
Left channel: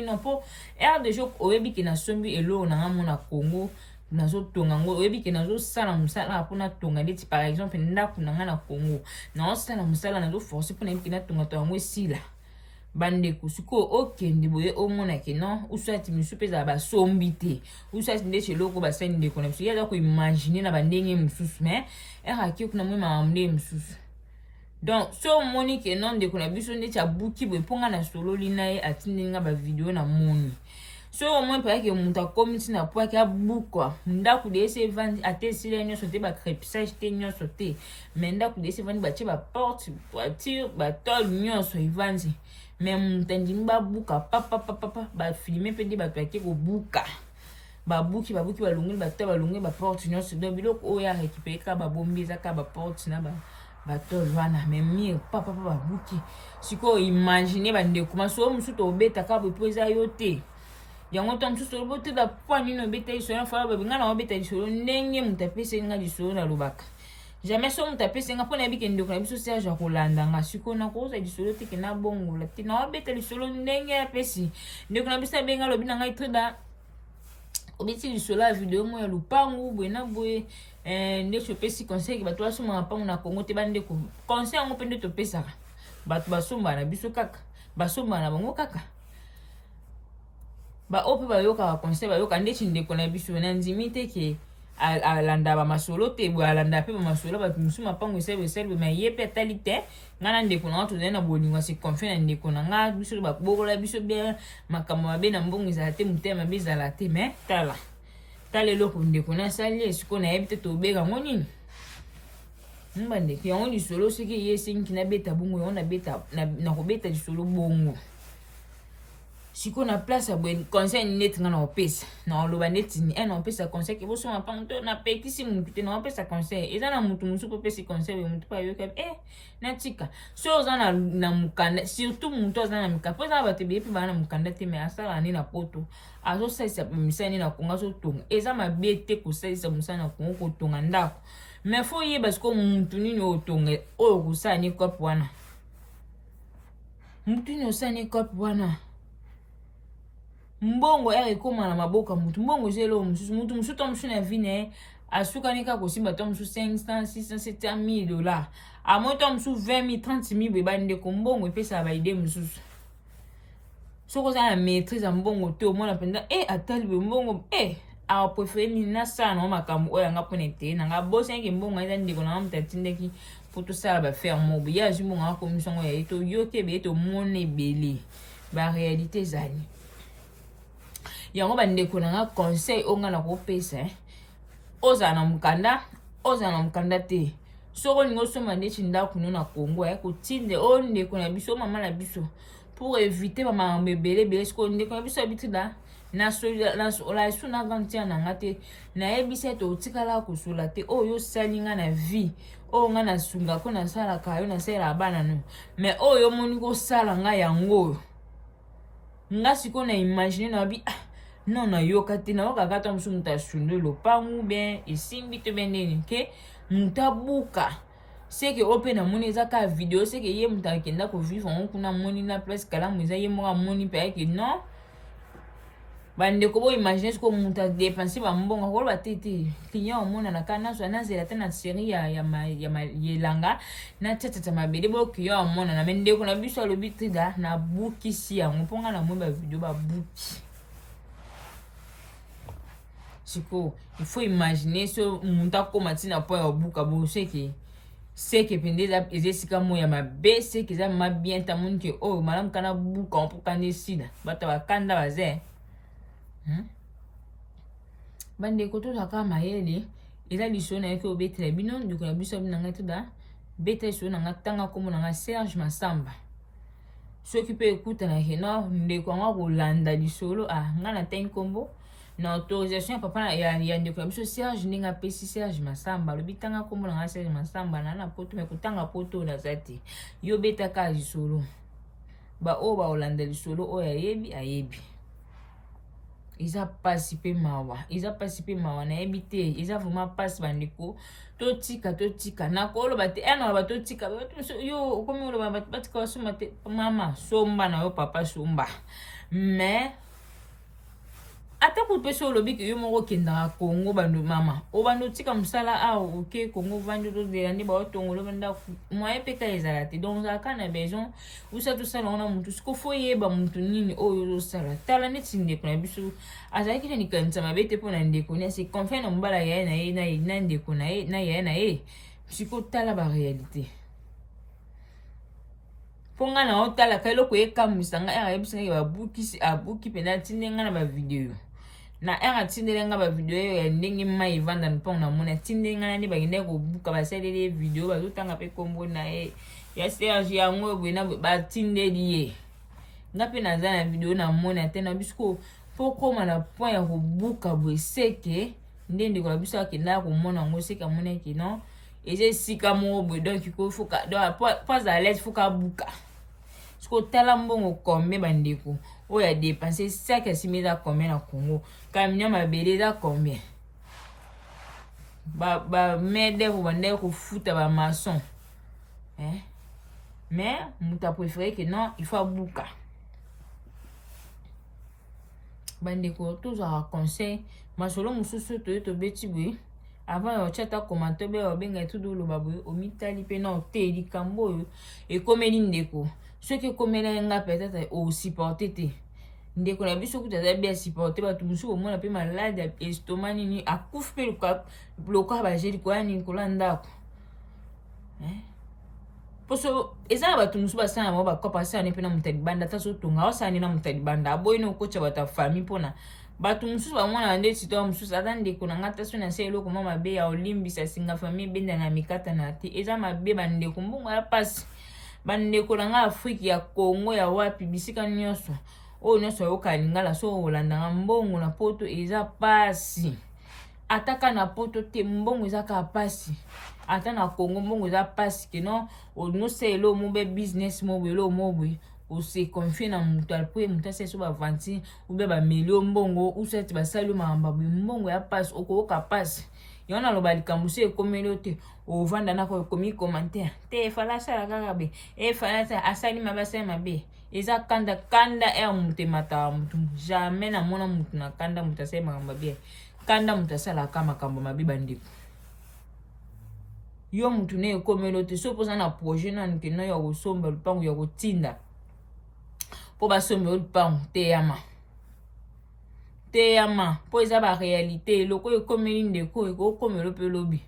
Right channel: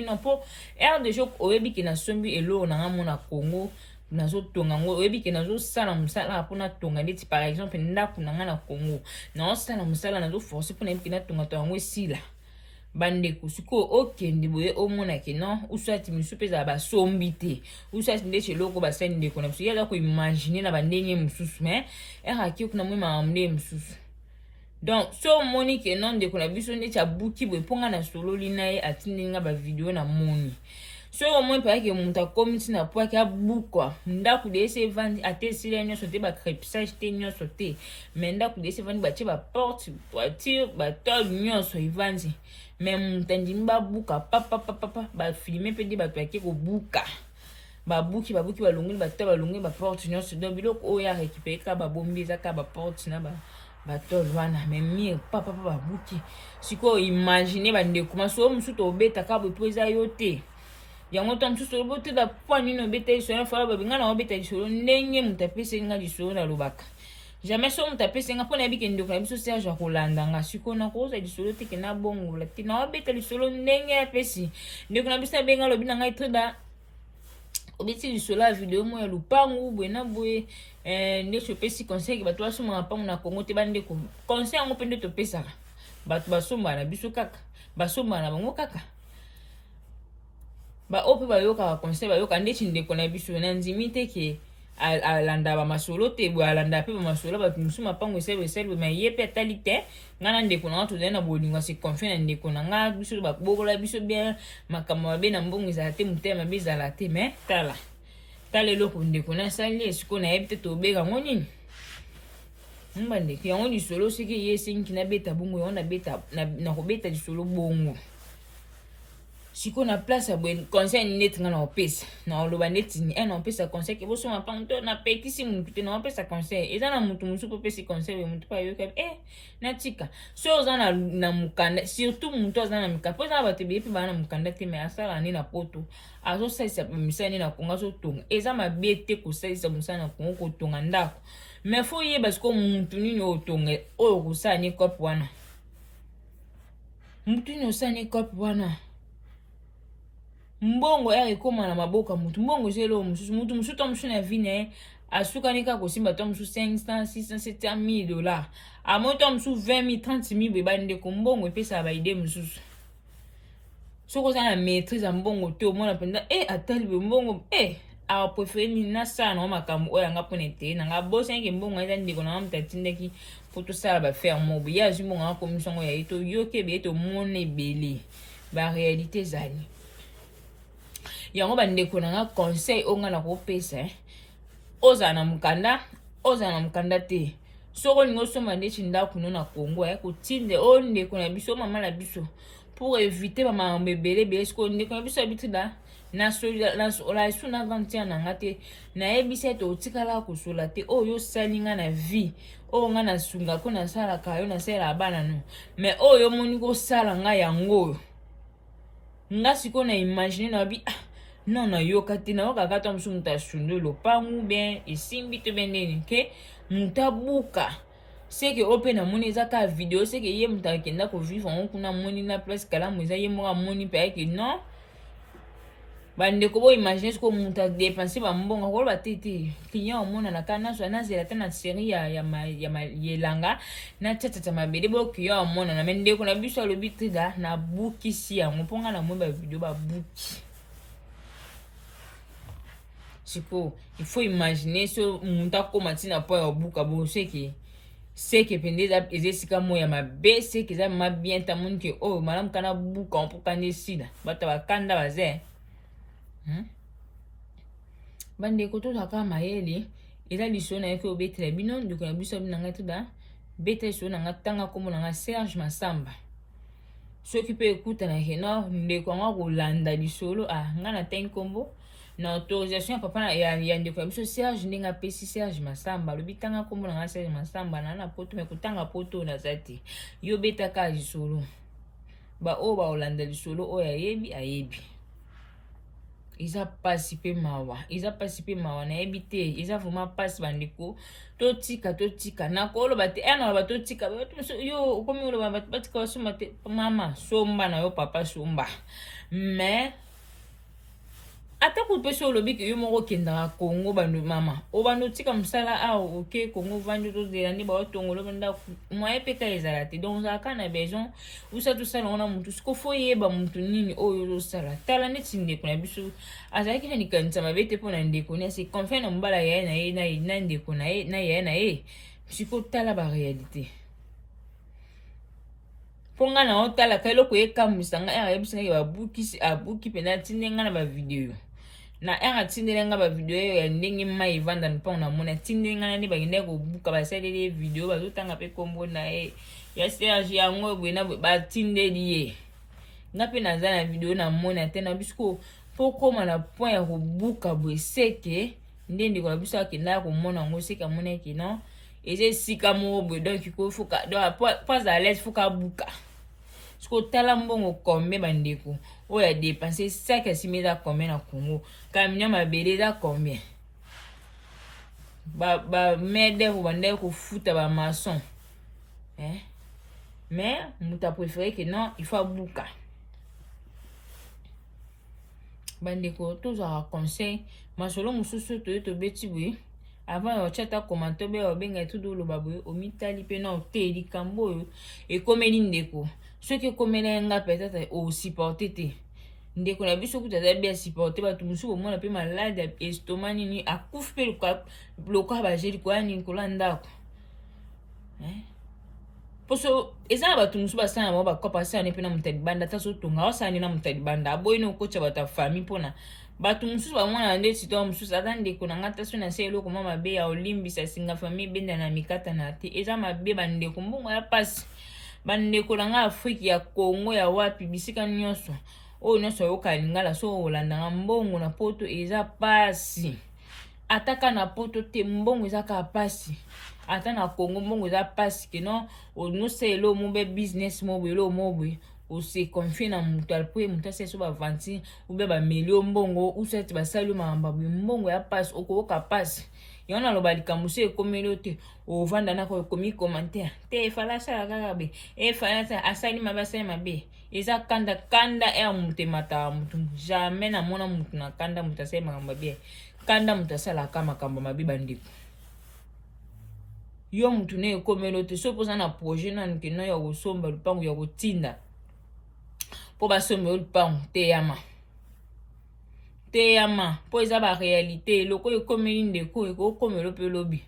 no po ere de jour oyebi ke nasombi eloko nanga mona Congo nazotonga ngo oyebi ke nazosala mosala mpona tonga ndeti par exemple ndako nanga na Congo naosala mosala nazoforce mpona yebi ke natonga to yango esila bandeko sikoyo okende boye omonake non usati misu mpe ezala basombi te usati nde eloko basali ndeko na biso yaza koimagine na bandenge mosusu mais eraki okuna mwi makambo nde mosusu donc so omoni ke non ndeko na biso ndeti abuki boye mponga na sololi na ye atindeli nga bavideo na moni so au moins pas que monta comme si na poa ka bukwa ndaku de se vandi ate sile nyo sote ba crépissage te nyo sote mais ndaku de se vandi ba che ba porte voiture ba tol nyo so ivandi mais muntandi mba buka papa ba filmer pe di ba to ke ko buka ba buki ba lungi ba to ba lungi ba porte nyo so do biloko o ya récupérer ka ba bombi za ka ba porte na ba tol wana mais mi papa ba buki siko imaginer ba ndeko maso musu to beta ka bo poza yote yango to msusu bote da pwani no beta iso ya fala babinga na beta iso ndenge mutapese nga liso na lubaka jamais so mutapese nga pona bike ndoko na biso Serge akolanda nga siko na ko za liso te ke na bongo la tina beta liso ndenge ya pesi ndeko na biso benga lobi na ngai trida obiti liso la video mo ya lupangu bwena bwe ndeko pesi conseil ba to asoma pangu na Kongo te bande ko conseil ngo pende to pesa batu basomba na biso kaka basomba na bango kaka ba ope ba yoka conseil ba yoka ndeti ndeko na biso na ndimi te ke alanda ba masolo te bo alanda pe ba masolo ba musuma pango sebe ma yepe talite ngana ndeko na to na bolinga se confie na ndeko na nga biso ba bokola biso bien makamo ba be na mbongo za te mutema bezala te mais tala loko ndeko na sali esiko na yebite to bega ngonini mbande ki yango lisolo siki yesinki na beta bongo yango na beta na ko beta lisolo bongo siko na place ya bwen conseil net nga na opesa na oloba net ni en opesa conseil ke boso mapango na petisi mutu te na opesa conseil eza na mutu musu po pesi conseil we mutu pa yoka na tika so oza na mukanda surtout mutu oza na mukanda po eza ba te bepi ba na mukanda te me asala ni na poto azo saisa misani na konga so tonga eza mabete ko saisa musana kongo ko tonga ndako mais faut yeba siko mutu nini otonga oyo kusani kopi wana mutu nini osani kopi wana mbongo ere koma na maboka mutu mbongo zelo mutu musu to musu na vine asuka nika ko simba to musu 500 600 700 $. A mo to musu 20 000 30 000 beba ndeko mbongo epesa ba ide musu soko za na maîtrise mbongo to mona penda atali be mbongo a préféré ni na sa no makambo oya nga ponete na nga bosa nge mbongo eza ndeko na mtatindaki poto sala ba faire mobi ya zimbongo nga commission ya ito yoke be to mone bele ba réalité zani yango bandeko na nga conseil onga na kopesa oza na mukanda te soko ningo soma ndeti ndako no na Kongo ya kotinde o ndeko na biso mama na biso pour éviter mama mbebele siko ndeko na biso abitida na la suna gantia na ngate na ebise to tikala kusula te oyo salinga na vie o nga na sunga ko na sala kayo na sala bana no mais oyo moni ko sala nga yango nga siko na imaginer na bi non na yoka te na waka kata msu muta sunde lopangu ben esimbi te beneni ke mutabuka seke ope na moni eza ka video seke ye muta kenda ko vivre on kuna moni na place kala mo eza ye mo moni pa ke non bande ko bo imaginer ko muta dépenser ba mbongo ko ba tete client o mona na kana so na zela tena série ya yelanga na tata mabele bo client o mona na mende ko na biso lo bitrida na buki si ya mponga na mo ba video ba buki siko il faut imaginer so muta ko matina po ya buka bo seke pende za ezesika mo ya mabe seke za ma bien ta mun ke o malam kana buka on poka ne sida bata bakanda baze bande ko to saka mayele eza liso na yeke obetela bino ndeko na biso bina ngati ba beta liso na ngatanga komo na Serge Masamba soki pe ekuta na heno ndeko nga kolanda lisolo nga na ten kombo na autorisation papa ya ndeko ya biso Serge ndinga pesi Serge Masamba lobitanga komo na Serge Masamba na poto me kutanga poto na zati yo beta ka lisolo ba o ba olanda lisolo o ayebi iza pasi pe mawa na ebite iza vraiment pasi bandeko totika na kolo bate ena ba totika yo komi lo ba batika basoma te mama somba na yo papa somba mais ata ko peso lobi ke yo moko kenda Kongo bando mama o bando tika musala ok Kongo vando to de ni ba otongolo banda moye peka ezala te donc za kana besoin usa tout ça na mutu sko foye ba mutu nini oyo zo sala tala neti ndeko na biso azaki ni kanisa mabete pona ndeko ni se confie na mbala ya na ndeko na ye siko tala ba réalité ponga na otala kailo ko ekamusa nga era yebisa nga abuki pena tindenga na ba video na era tindenga ba video ya ndenge mai vanda mpona na mona tindenga ni ba ngene ko buka ba selele video ba zotanga pe kombo na ya Serge yango bwena ba tindeli ye nga pe na za na video na mona tena bisko pokoma na point ya ko buka bwe seke ndende ko biso akenda ko mona ngo seka mona ki non eze sika mo bwe donc ko fuka donc pas à l'aise fuka buka sko tala mbongo combien bandeko oya dépenser 5 à 6 000 à combien na Congo camion mabele za combien ba mede ko bande ko futa ba maçon mais muta préféré que non il faut buka bandeko tous à conseil masolo mususu to beti bwe avant o chata commenter be o benga tout do lo babwe o mitali pe na o te likambo e komeli ndeko ce que komela nga peut-être o supporter te ndeko na biso kuta bien supporter ba tu musu o mona pe malade estomac ni akufe le quoi ba jeli ko ani ko landa ko poso eza ba tu musu ba sana ba ko pasa ne pe na mutadi banda ta so tonga o sana na mutadi banda boy no ko cha ba ta famille pona batu mususu bamwana nde sito mususu ata ndeko na ngata so na se eloko mama be ya olimbisa singa famille benda na mikata na te eza mabe bandeko mbongo ya pasi bandeko na nga Afrique ya Congo ya wapi bisika nyonso oyo nyonso yokalingala so olandanga mbongo na poto eza pasi ataka na poto te mbongo eza ka pasi ata na Congo mbongo eza pasi ke non onose elo mobe business mobe elo mobe o se confie na mutal po mutal se so ba vanti ou be ba melio mbongo ou set ba sali mamba mbongo ya passe o ka passe yona lo balika musu e komelo te o vanda na ko komi commentaire te fala sala kaka be fala sa asali mabasa mabe eza kanda mute mata mutu jamais na mona mutu na kanda mutase mamba be kanda mutasala kama kamba mabe bandiko yo mutu ne komelo te so poza na projet na nkena ya kosomba lupango ya kotinda po basomba lupango teyama po eza ba réalité loko ekomeli ndeko ekokomelo pe lobi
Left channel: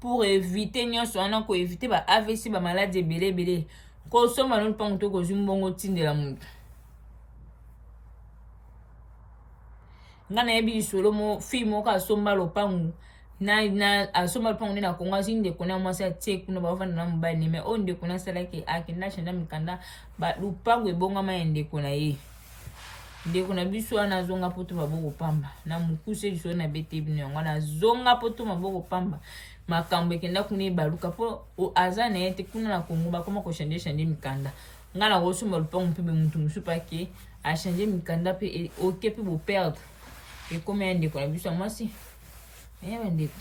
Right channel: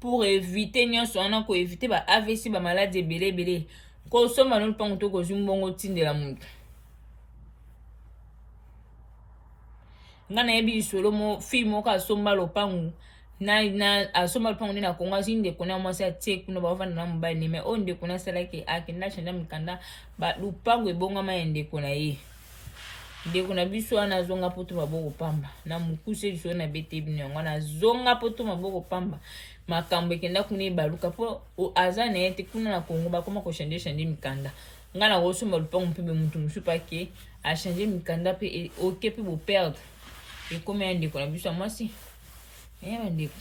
pour éviter nyonso wana ko éviter ba AVC ba maladie ebele kosomba no lupango to kozwi mbongo tindela mutu nga na yebi lisolo mo film moko asomba lupango na asomba lupango nde na Congo azi ndeko na mwasi atie kuna bavanda na mobali me oyo ndeko na asalaki akenda chanda mikanda lupango ebongama ya ndeko na ye ndeko na biso wana azonga poto maboko pamba na mukuse biso na bete bino yango wana azonga poto maboko pamba makambo ekenda kuna ebaluka po aza na ye te kuna na Congo bakoma koshanje mikanda nga na kosomba lupango mpe mutu mosusu pake ashanje mikanda mpe oke mpe boperdre ekoma ya ndeko na biso ya mwasi bandeko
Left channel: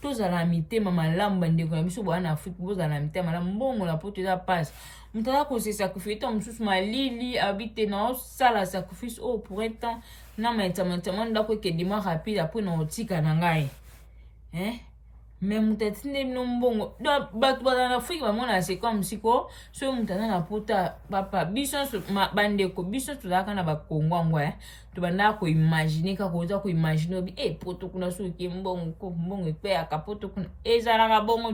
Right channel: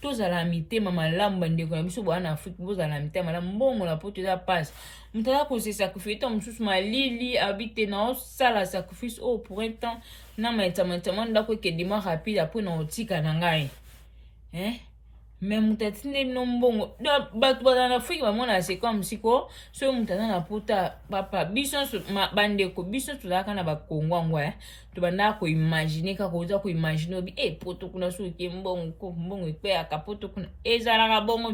tozala mitema malamu bandeko na biso bwana Afrique bozala mitema malamu mbongo na poto eza pasi mutu aza kosesakrifie to mosusu malili abite na osala sacrifice oyo pour un temps na maitama ndako ekende mwa rapide apres na otika na ngai mais mutu atinde bino mbongo bato bazala na Afrique bamona c'est comme siko so mutu aza na pota papa biso bandeko biso tozalaka na bakongo yango tobandaka koimagine kaka oza koimagine obi poto kuna soki mbongo ekpeyaka poto kuna ezalaka bongo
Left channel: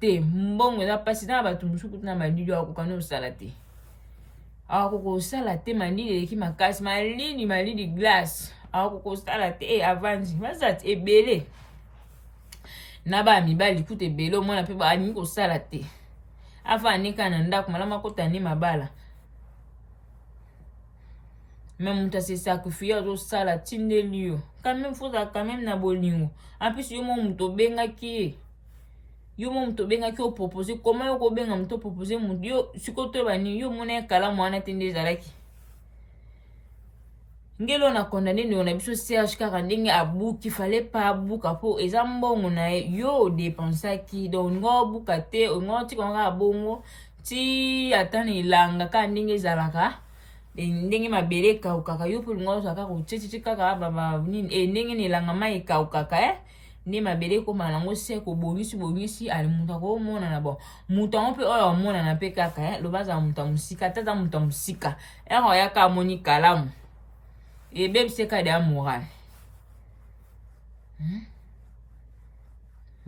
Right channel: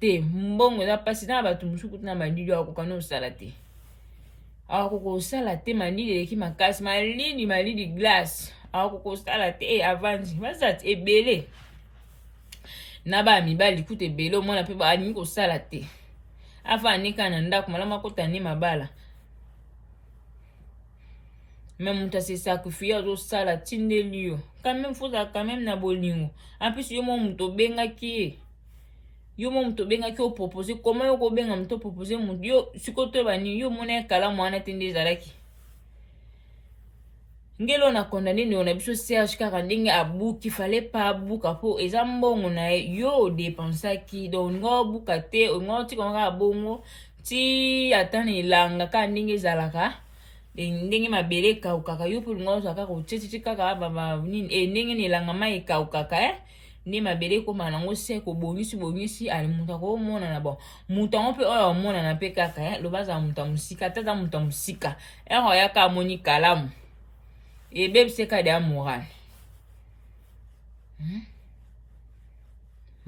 te mbongo eza mpasi na bato mosuku na malili akoka na osala te akoka osala te malili eleki makasi malili glace akoka osala te avandi bazati ebele na bamibali kuta ebele omona mpe balingi kosala te afanika na ndako malamu akota ne mabala même mutu asesakrifie azosala tindeli yo quand même fozala quand même na bolingo ampesi yo mo mutu obengaki ye opropose koma yo kobenga mutu opropose mutu yo sikoyo toyebani yo mona ekalamu wana te nde ezalaki ngelo na kondane ndeko na biso Serge kaka ndenge abuki fale pa abuka po eza mbongo na ye yo odepensaki donc ngo obuka te ngo tika nga bongo ti ata na elanga ka ndenge ezalaka ndenge mabele ekaukaka yo mpe lingo ozwa kaka otiti kaka ndenge na elanga mai ekaukaka nde mabele ekoma nango se kobongisi ali mutu akomona bon mutu yango mpe oyo amonana mpe kaka loba azala mutu ya mosika te aza mutu ya mosika ero oyaka amoni kalamu ebebise kade ya morale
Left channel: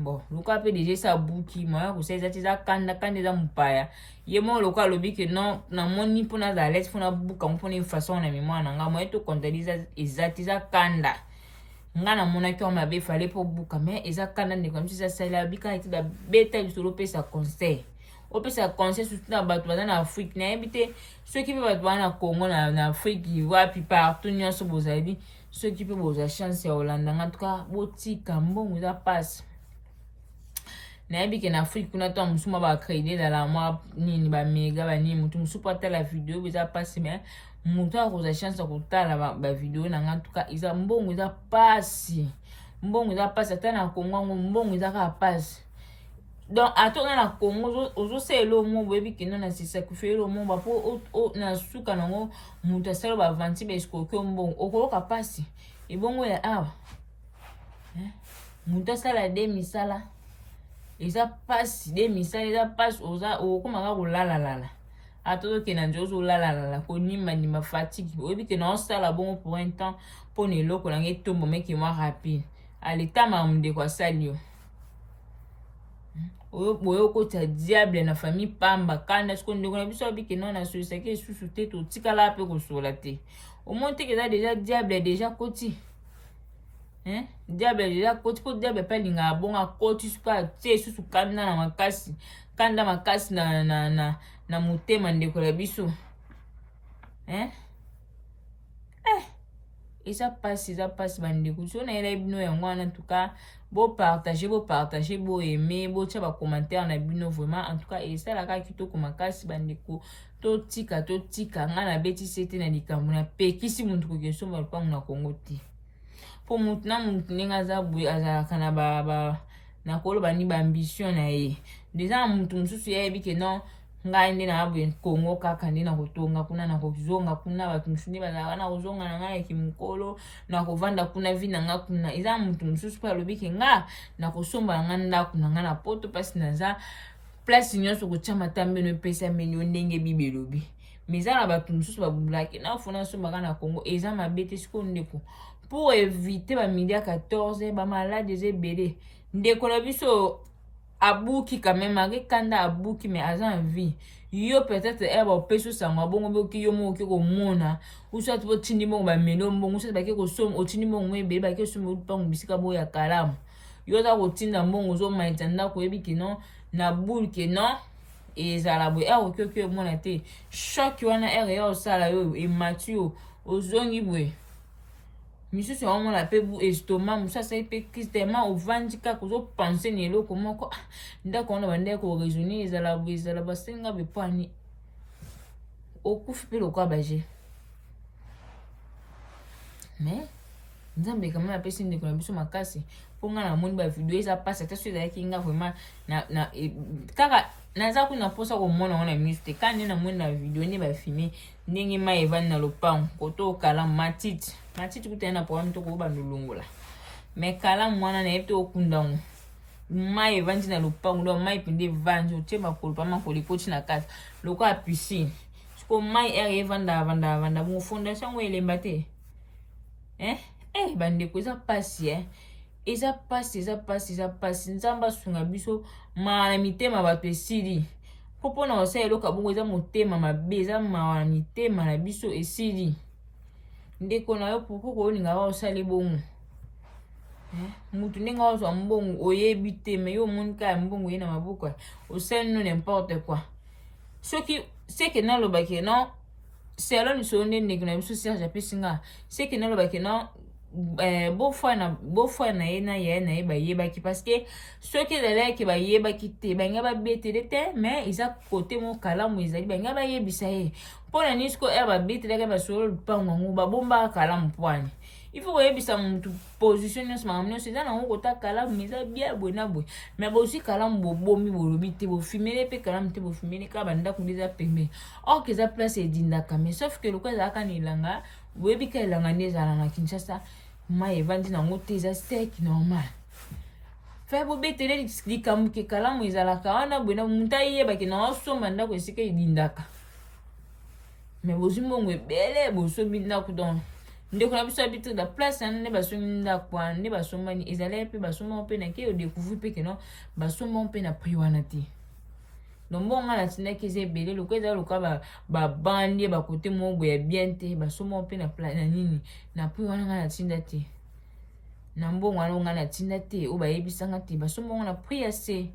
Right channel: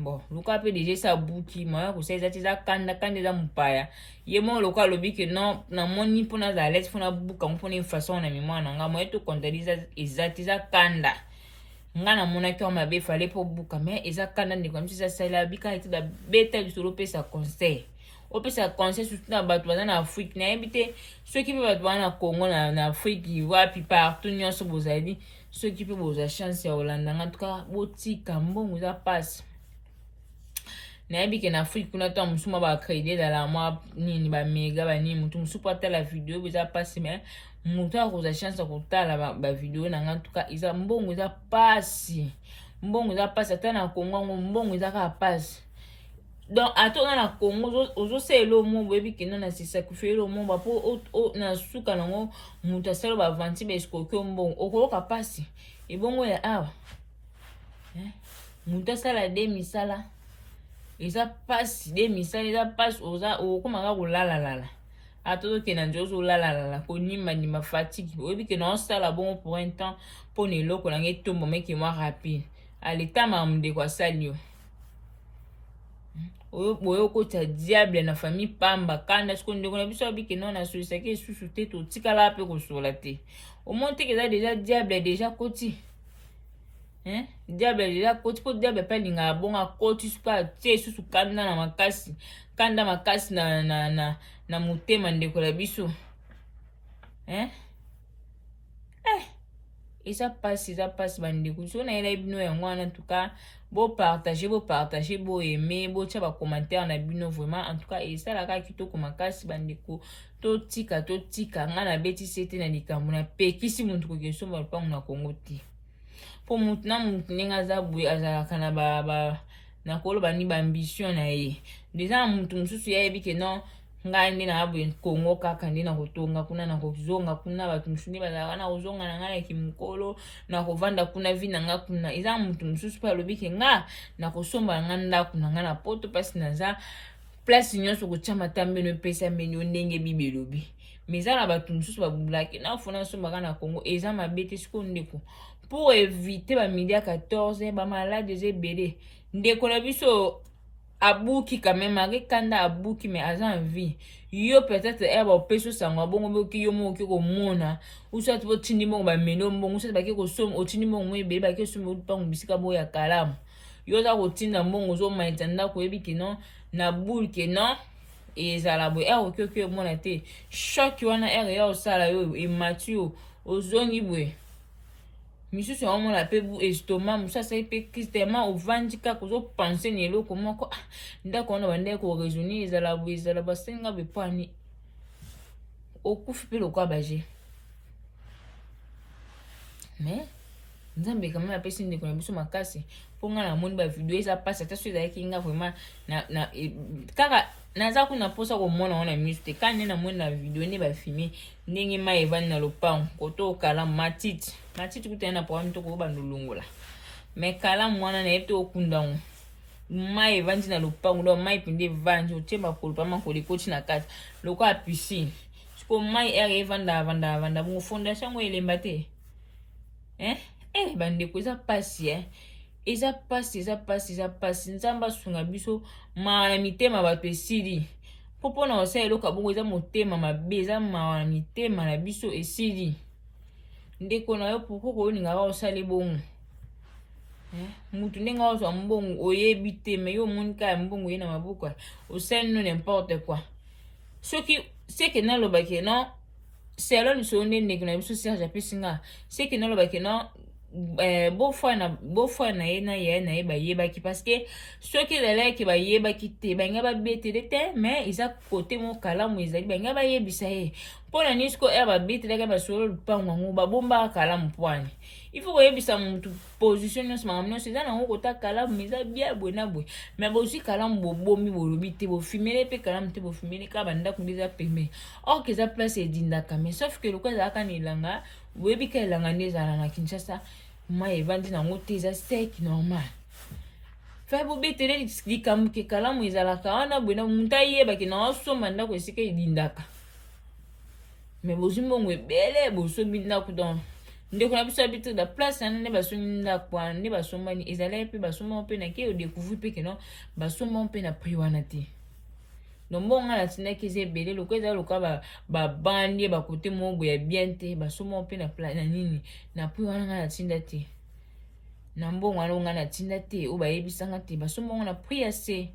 bon luka pe déjà sa buki moya ko seza tiza kanda za mpaya ye mo loka lobi que non na moni pona za let fona buka mpona une façon na mémoire na nga moya to contaliza ezati za kanda nga na mona ki ma be fallait pour buka mais eza kanda ne comme si ça sala bika eti da beta bisolo pe sa conseil opesa conseil surtout na bato baza na Afrique na yebi te soki mpe bato baza na Congo na Afrique wapi partout nyonso bozali soki mpe boza chance ya kolanda nga en tout cas botika mbongo eza pasi nayebi ke na Afrique kuna to mosusu mwa bacrédit ezala mwa nini bamega banini motu mosusu po atala video eza pasi mais motu akoza chance ya kotala bavideo na nga en tout cas eza mbongo eza pasi ata na Congo yango mbongo eza kaka pasi donc atona na Congo ozosala omo boyebi ke non na sacrifier omo bapo na suka nango moto asala bavanti baesikoki mbongo okoloka pasi ebongo ya awa moto asala de misala eza pasi de misala eza pasi okomaka kolalalala atozokenda nje ozolalalala konimbanima fatigue oyebi ke na osala bongo pour un temps mpona eloko nange etombo meke mwa rapide aletama mondeko asali yo boyo kota diable na famille pamba kanda siko ndeko na biso abike non na solisaki esusu te totikala pe kosola te omoni teke eza deja diable deja koti diable deja koti po diable pe alingaka bongo akoti suka atie esusu kanda makasi na motema ndeko na biso eza pasi bandeko so na yela bino yango wana en tout cas partager aimer botia ba commentaire na bino vraiment en tout cas esalaka kitoko makasi bandeko totika nga na beti sete na likambo na pekisi muntu kokesomba lupango na Congo te po mutu na mutu ndenge aza boye azalaka na koloba ni baambition na ye deja mutu mosusu yebi ke non ngai nde na boye Congo kaka nde na kotonga kuna na kozonga kuna bato mosusu nde bazalaka na kozonga na ngai ya kimokolo na kovanda kuna vi na nga kuna eza mutu mosusu mpe alobi ke nga na kosomba na nga ndako na nga na poto mpasi naza place nyonso kotia matambeno epesa mbeni ndenge bible elobi mais eza na bato mosusu babulaki na ofona sombaka na Congo eza mabe te sikoyo ndeko pour éviter bamidi ya 14 bamalade eza ebele ndeko na biso abuki quand même akekanda abuki mais aza en vie yo peut-être opesi sango bongo boki yo moki komona usati botindi mbongo bameli mbongo usati bake kosoma otindi mbongo ebele bake kosoma lupango bisika boyo ya kalamu yo oza kotinda mbongo ozomaita ndako oyebi ke non na bule ke non ezala boye okioki omona te shoki wana ya osala yo emati yo ozongi boye misusu ya omona pe estomac mosusu asali pe crise tellement ovandi kaka ozopense na eloko moko ndako wana bandeki koraisonne ezala basenga bepwani okufi mpe lokwa baje mais nzambe kamena apesi ndeko na biso makasi mpo nga na moni bavideo eza pasi ata so ezalaki nga vraiment kaka naza kuna mposa komona wana miso te kaka nde na moni na video nde bafilme ndenge mai evandi na lopango koto okalamu matiti kutani na programme to kobanda olongola mais kalamu wana nayebi te okundango mai evandi na lopango do mai pende evandi otie makolo pa makolo ekoti na kati lokola piscine siko mai ere evanda bongo fondation yango elemba te bandeko eza pasi eza pasi nzambe asunga biso mawa na mitema bato esili po mpona kosala eloko bongo eza motema mabe eza mawa na mitema na biso esili ndeko na yo poko koyoninga bakosala bongo mutu ndenge ozwa mbongo oyebi te me yo omoni kaka mbongo ye na maboko osali no n'importe quoi soki seke nalobake non selo lisolo nde ndeko na biso Serge apesi nga seke nalobake non bofwa na ye na yaya na ye bayebaki parce que soki ezalaki bayebaki te bangai babetele te mais eza kote moko kalamu ezali bangai bayebisa ye mpona nini siko babetelaka basolo lupango yango babombaka kalamu pwani il faut koyebisa mutu position nyonso makambo nyonso eza nango kota kalamu eza bien boye na boye mais bozwi kalamu bobomi bolobi te bofimele mpe kalamu te bofimele kaka bandako mpe eza pembe or ke eza place edindaka mais sauf ke loko ezalaka na elanga boyebi ka elanga nde ezala na Kinshasa mai evandi nango te eza sec normal fe bobetele likambo ke kalamu ezalaka wana boye na mutu ayebaki na osomba ndako esika edindaka mais bozwi mbongo ebele bosombi ndako donc ndeko na biso habitude da place na ne basombi ndako wana nde basombani ezali mpe basomba mpe na ke odécouvrir mpe ke non basomba mpe na prix wana te donc mbongo nga natindaki eza ebele loko ezali lokola babandi bakote moko boye ya bien te basomba mpe na nini na prix wana nga natinda te na mbongo wana nga natinda te oyo bayebisanga te basomba ngo na prix ya se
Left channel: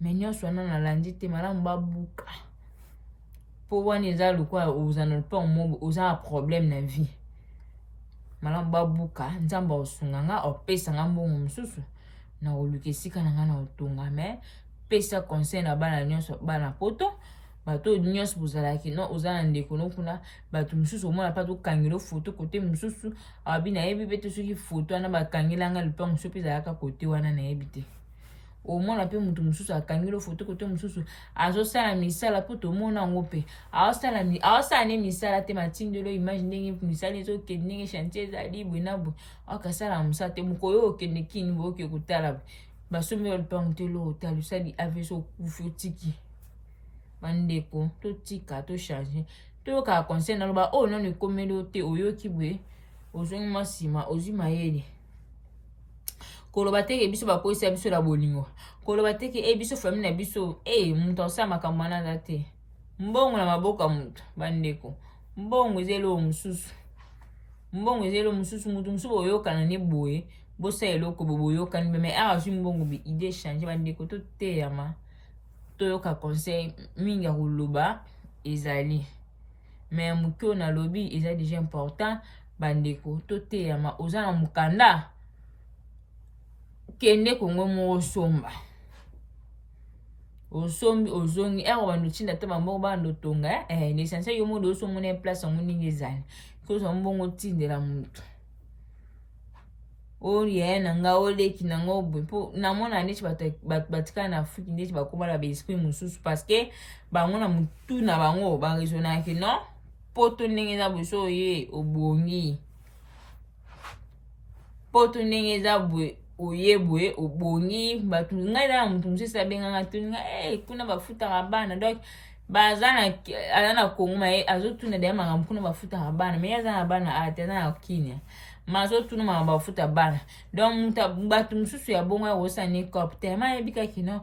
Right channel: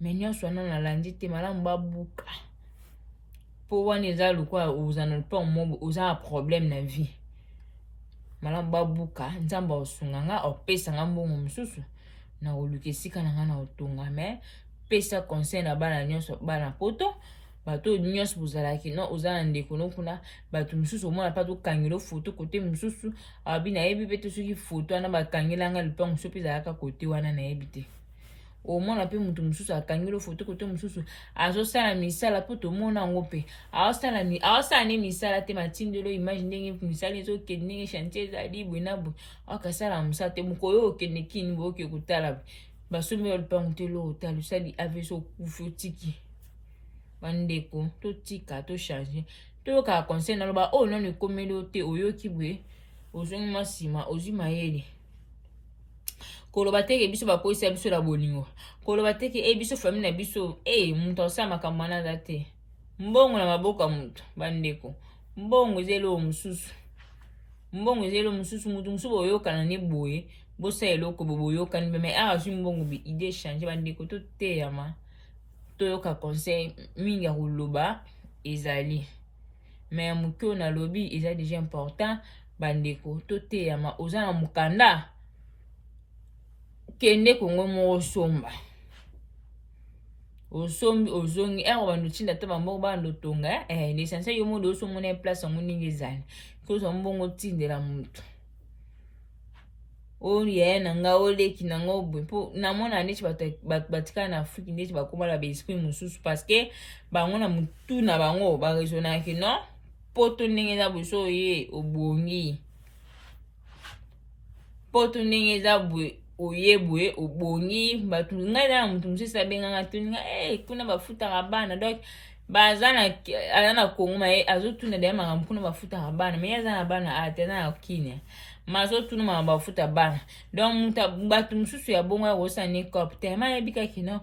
me nyonso wana nalandi te malamu babuka mpo wana eza lokola oza na lupango moko oza na problème na vie malamu babuka nzambe osunga nga opesa nga mbongo mosusu na oluka esika na nga na otonga me pesa conseil na bana nyonso bana poto bato nyonso bozalaki no oza na ndeko no kuna bato mosusu omona mpa tokangela foto kote mosusu abi nayebi mpe te soki foto wana bakangelanga lupango mosusu mpe ezalaka kote wana nayebi te omona mpe moto mosusu akangela foto kote mosusu azosala misala mpo tomona yango mpe aosala ne misala te matindelo image ndenge misala ezokende ndenge chantier ezali boye na boye akasala mosala te mokolo oyo okende kini boye oke kotala basombi ya lupango te lo otala osali avesi okufi otiki bandeko totika tochange toyokaka conseil naloba oyo nano ekomeli o te oyoki boye ozongi mwa nsima ozwi mayele koloba teke biso bakoyisa biso na bolingo koloba teke biso famille na biso moto asala makambo wana aza te mbongo na maboko ya moto bandeko mbongo ezelo mosusu moto mosusu boyokana ne boye bosa eloko boyokani me awa zwi mbongo be idée change bandeko toteyama toyoka conseil mingi ya koloba ezali me moke oyo nalobi eza déjà important bandeko toteyama oza na mokanda kende kongo moko osomba osombi ozongi bando tinda te bambongo bando tonga l'essentiel yo modo osombo na place yango ndenge ezali kosa mbongo tindela moto oyo na nga oleki na nga obwe mpo namona ndeti bato batikala na afriki ndeti bakoma na baesprit mosusu parceke bango na mutu na bango baresonaki non poto ndenge eza boye so oye obongi poto ndenge eza boye oye boye obongi bato ngai eza na motu mosusu abenganga toninga kuna bafutaka bana donc aza na kongo maye azotuna deya makambo kuna bafutaka bana me aza na bana ate aza na kinia maso tunu makambo bafuta bana donc bato mosusu ya bongo yakosala ne cop te mayebikaki no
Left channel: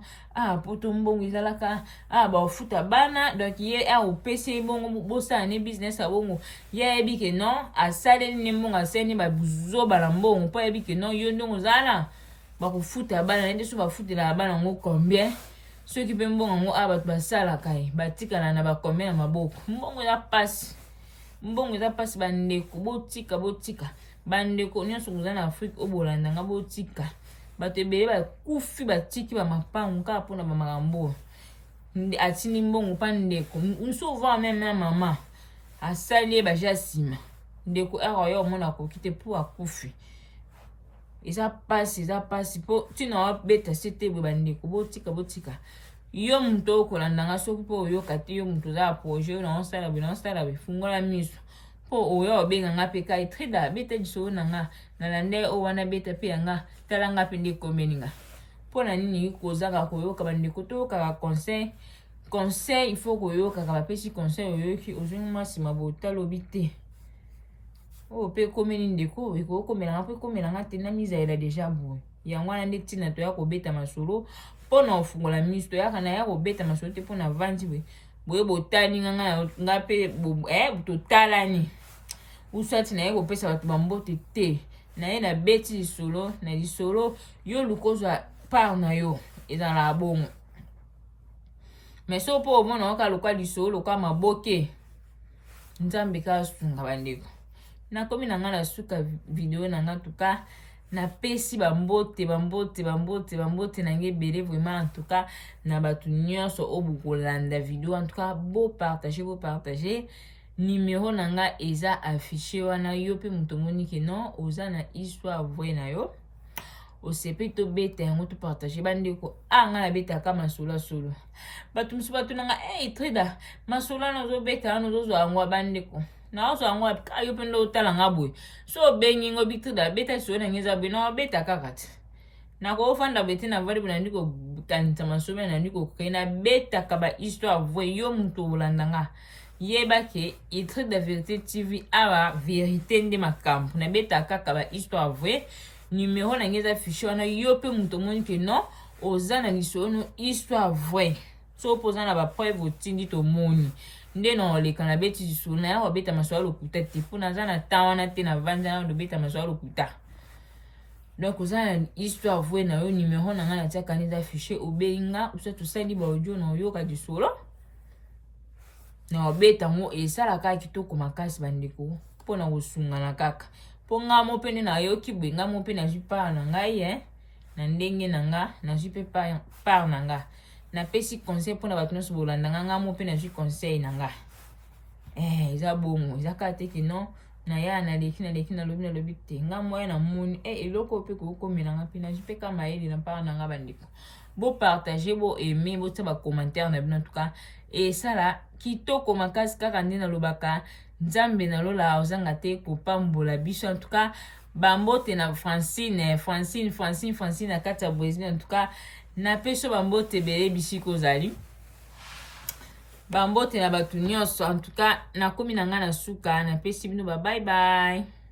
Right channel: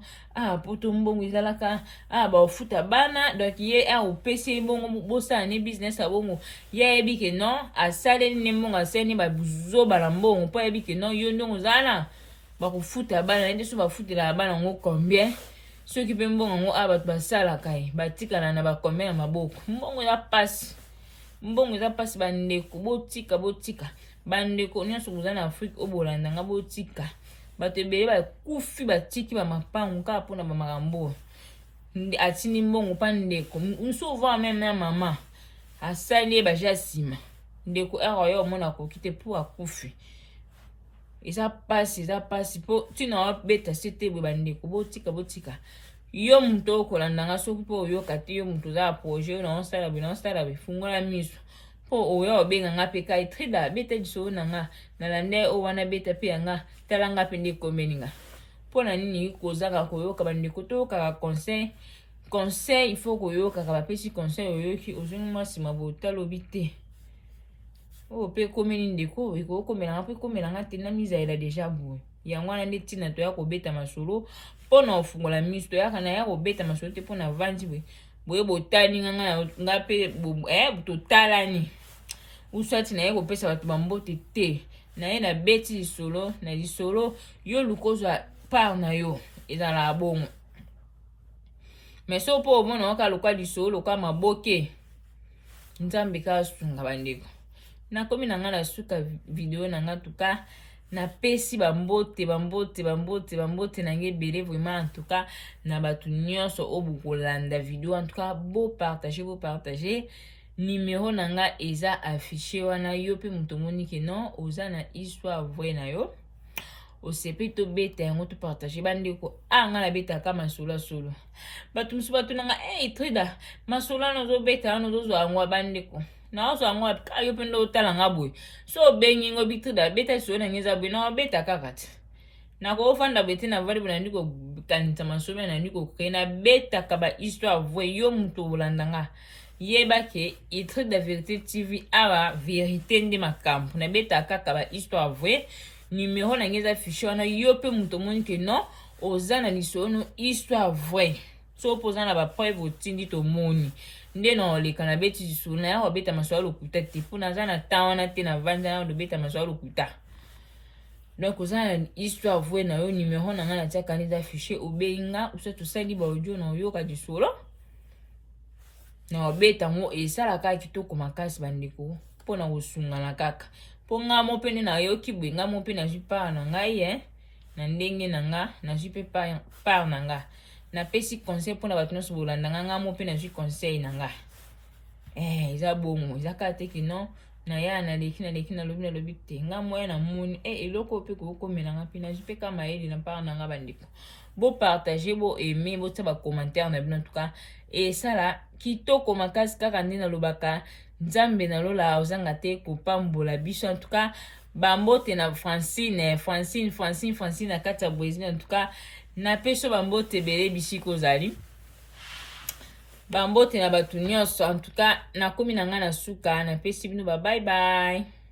poto mbongo ezalaka bafuta bana donc ye opesi bongo bosala ne business ya bongo ye ayebike no asaleli ne mbongo asaleli bazobala mbongo mpo ayebike no yo ndongo ozala bakofuta bana nende so bafutelaka bana yango combien soki mpe mbongo yango bato basalaka ye batikala na bacombien na maboko mbongo eza pasi bandeko botika bandeko nyonso koza na afrique oyo bolandanga botika bato ebele bakufi batiki bamapangu kaka mpona bamakambo atindi mbongo mpa ndeko nsouvent meme na mama asali ye baja nsima ndeko oyo omona akoki te mpo akufi eza pasi mpo ntina wabeta se te boye bandeko botika yo moto okolandanga soki mpo oyoka te yo moto oza na projet oyo naosala boye fungola miso mpo oyo obenganga mpe kai trida beta lisolo na nga nalande oyo wana beta mpe yanga tala nga mpe nde komeninga mpo na nini kozaka koyoka bandeko toyokaka conseil il faut koyokaka bapesi conseil oyoki ozongi mwa nsima botalobi te oyo mpe komeli ndeko ekokomelanga mpe komelanga te na mizaela deja boye yango wana nde ntina toya kobeta masolo mpo na ofungola miso toyaka na ya kobeta masolo te mpo na vandi boye botani nga mpe totalani usati na ye kopesa bato bambote te na ye na beti lisolo na lisolo yo lukozwa part na yo ezala bongo mais so mpo omona oka lokwa lisolo lokwa maboke nzambe kasunga bandeko nakomi na nga na suka video na nga tuka napesi bambote na nge ebele vraiment en tout cas na bato nyonso oyo bokolanda video en tout cas bopartage numéro na nga eza affiché wana yo mpe moto omoni ke non oza na histoire vrai na yo osepi tobeta yango topartage bandeko nga nabetaka masolo solo bato mosusu batunanga trida masolo wana ozobeta wana ozozwa yango bandeko naozwa yango yo mpe nde otalanga boye so obengi ngo bitrida beta solo nange eza boye na obeta kaka te nakofanda boye te na vali boye nandi kokanisa masolo nandi kokreye nabetaka bahistoire vrai yo moto olandanga yeba ke Itride la Vérité TV awa vérité nde makambo na beta kaka ba histoire vraie numéro na ngeza affiché wana yo pe muto moni ke non oza na lisono histoire vraie so poza na ba preuve otindi to moni nde na oleka na beti lisolo na ya wabeta maswala lokuta te mpo naza na temps wana te na vanda na lobeta maswala lokuta donc oza na histoire vraie na yo numéro na nga na tiaka neza affiché obenga uso tosali ba audio na oyoka lisolo na wabeta ngo esalaka kitoko makasi bandeko mpona kosungana kaka mpo nga mo pene na yoki bwe nga mo pe nazwi part na ngai na ndenge na nga nazwi pe part na nga napesi conseil mpona bato nyonso bolanda nga mo pe nazwi conseil na nga eza bongo eza kaka te ke non na ya naleki nalobi te nga moya na moni eloko pe kokomela nga mpe nazwi pe kama yeli na part na nga bandeko bopartage bo aime botia bacommentaire na bino en tout cas esala kitoko makasi kaka nde nalobaka nzambe nalola ozanga te kopambola biso en tout cas bambote na Francine na kati ya Brésil en tout cas na peso bambote ebele bisika ozali bambote na bato nyonso en tout cas nakomi na nga na suka napesi bino ba bye bye.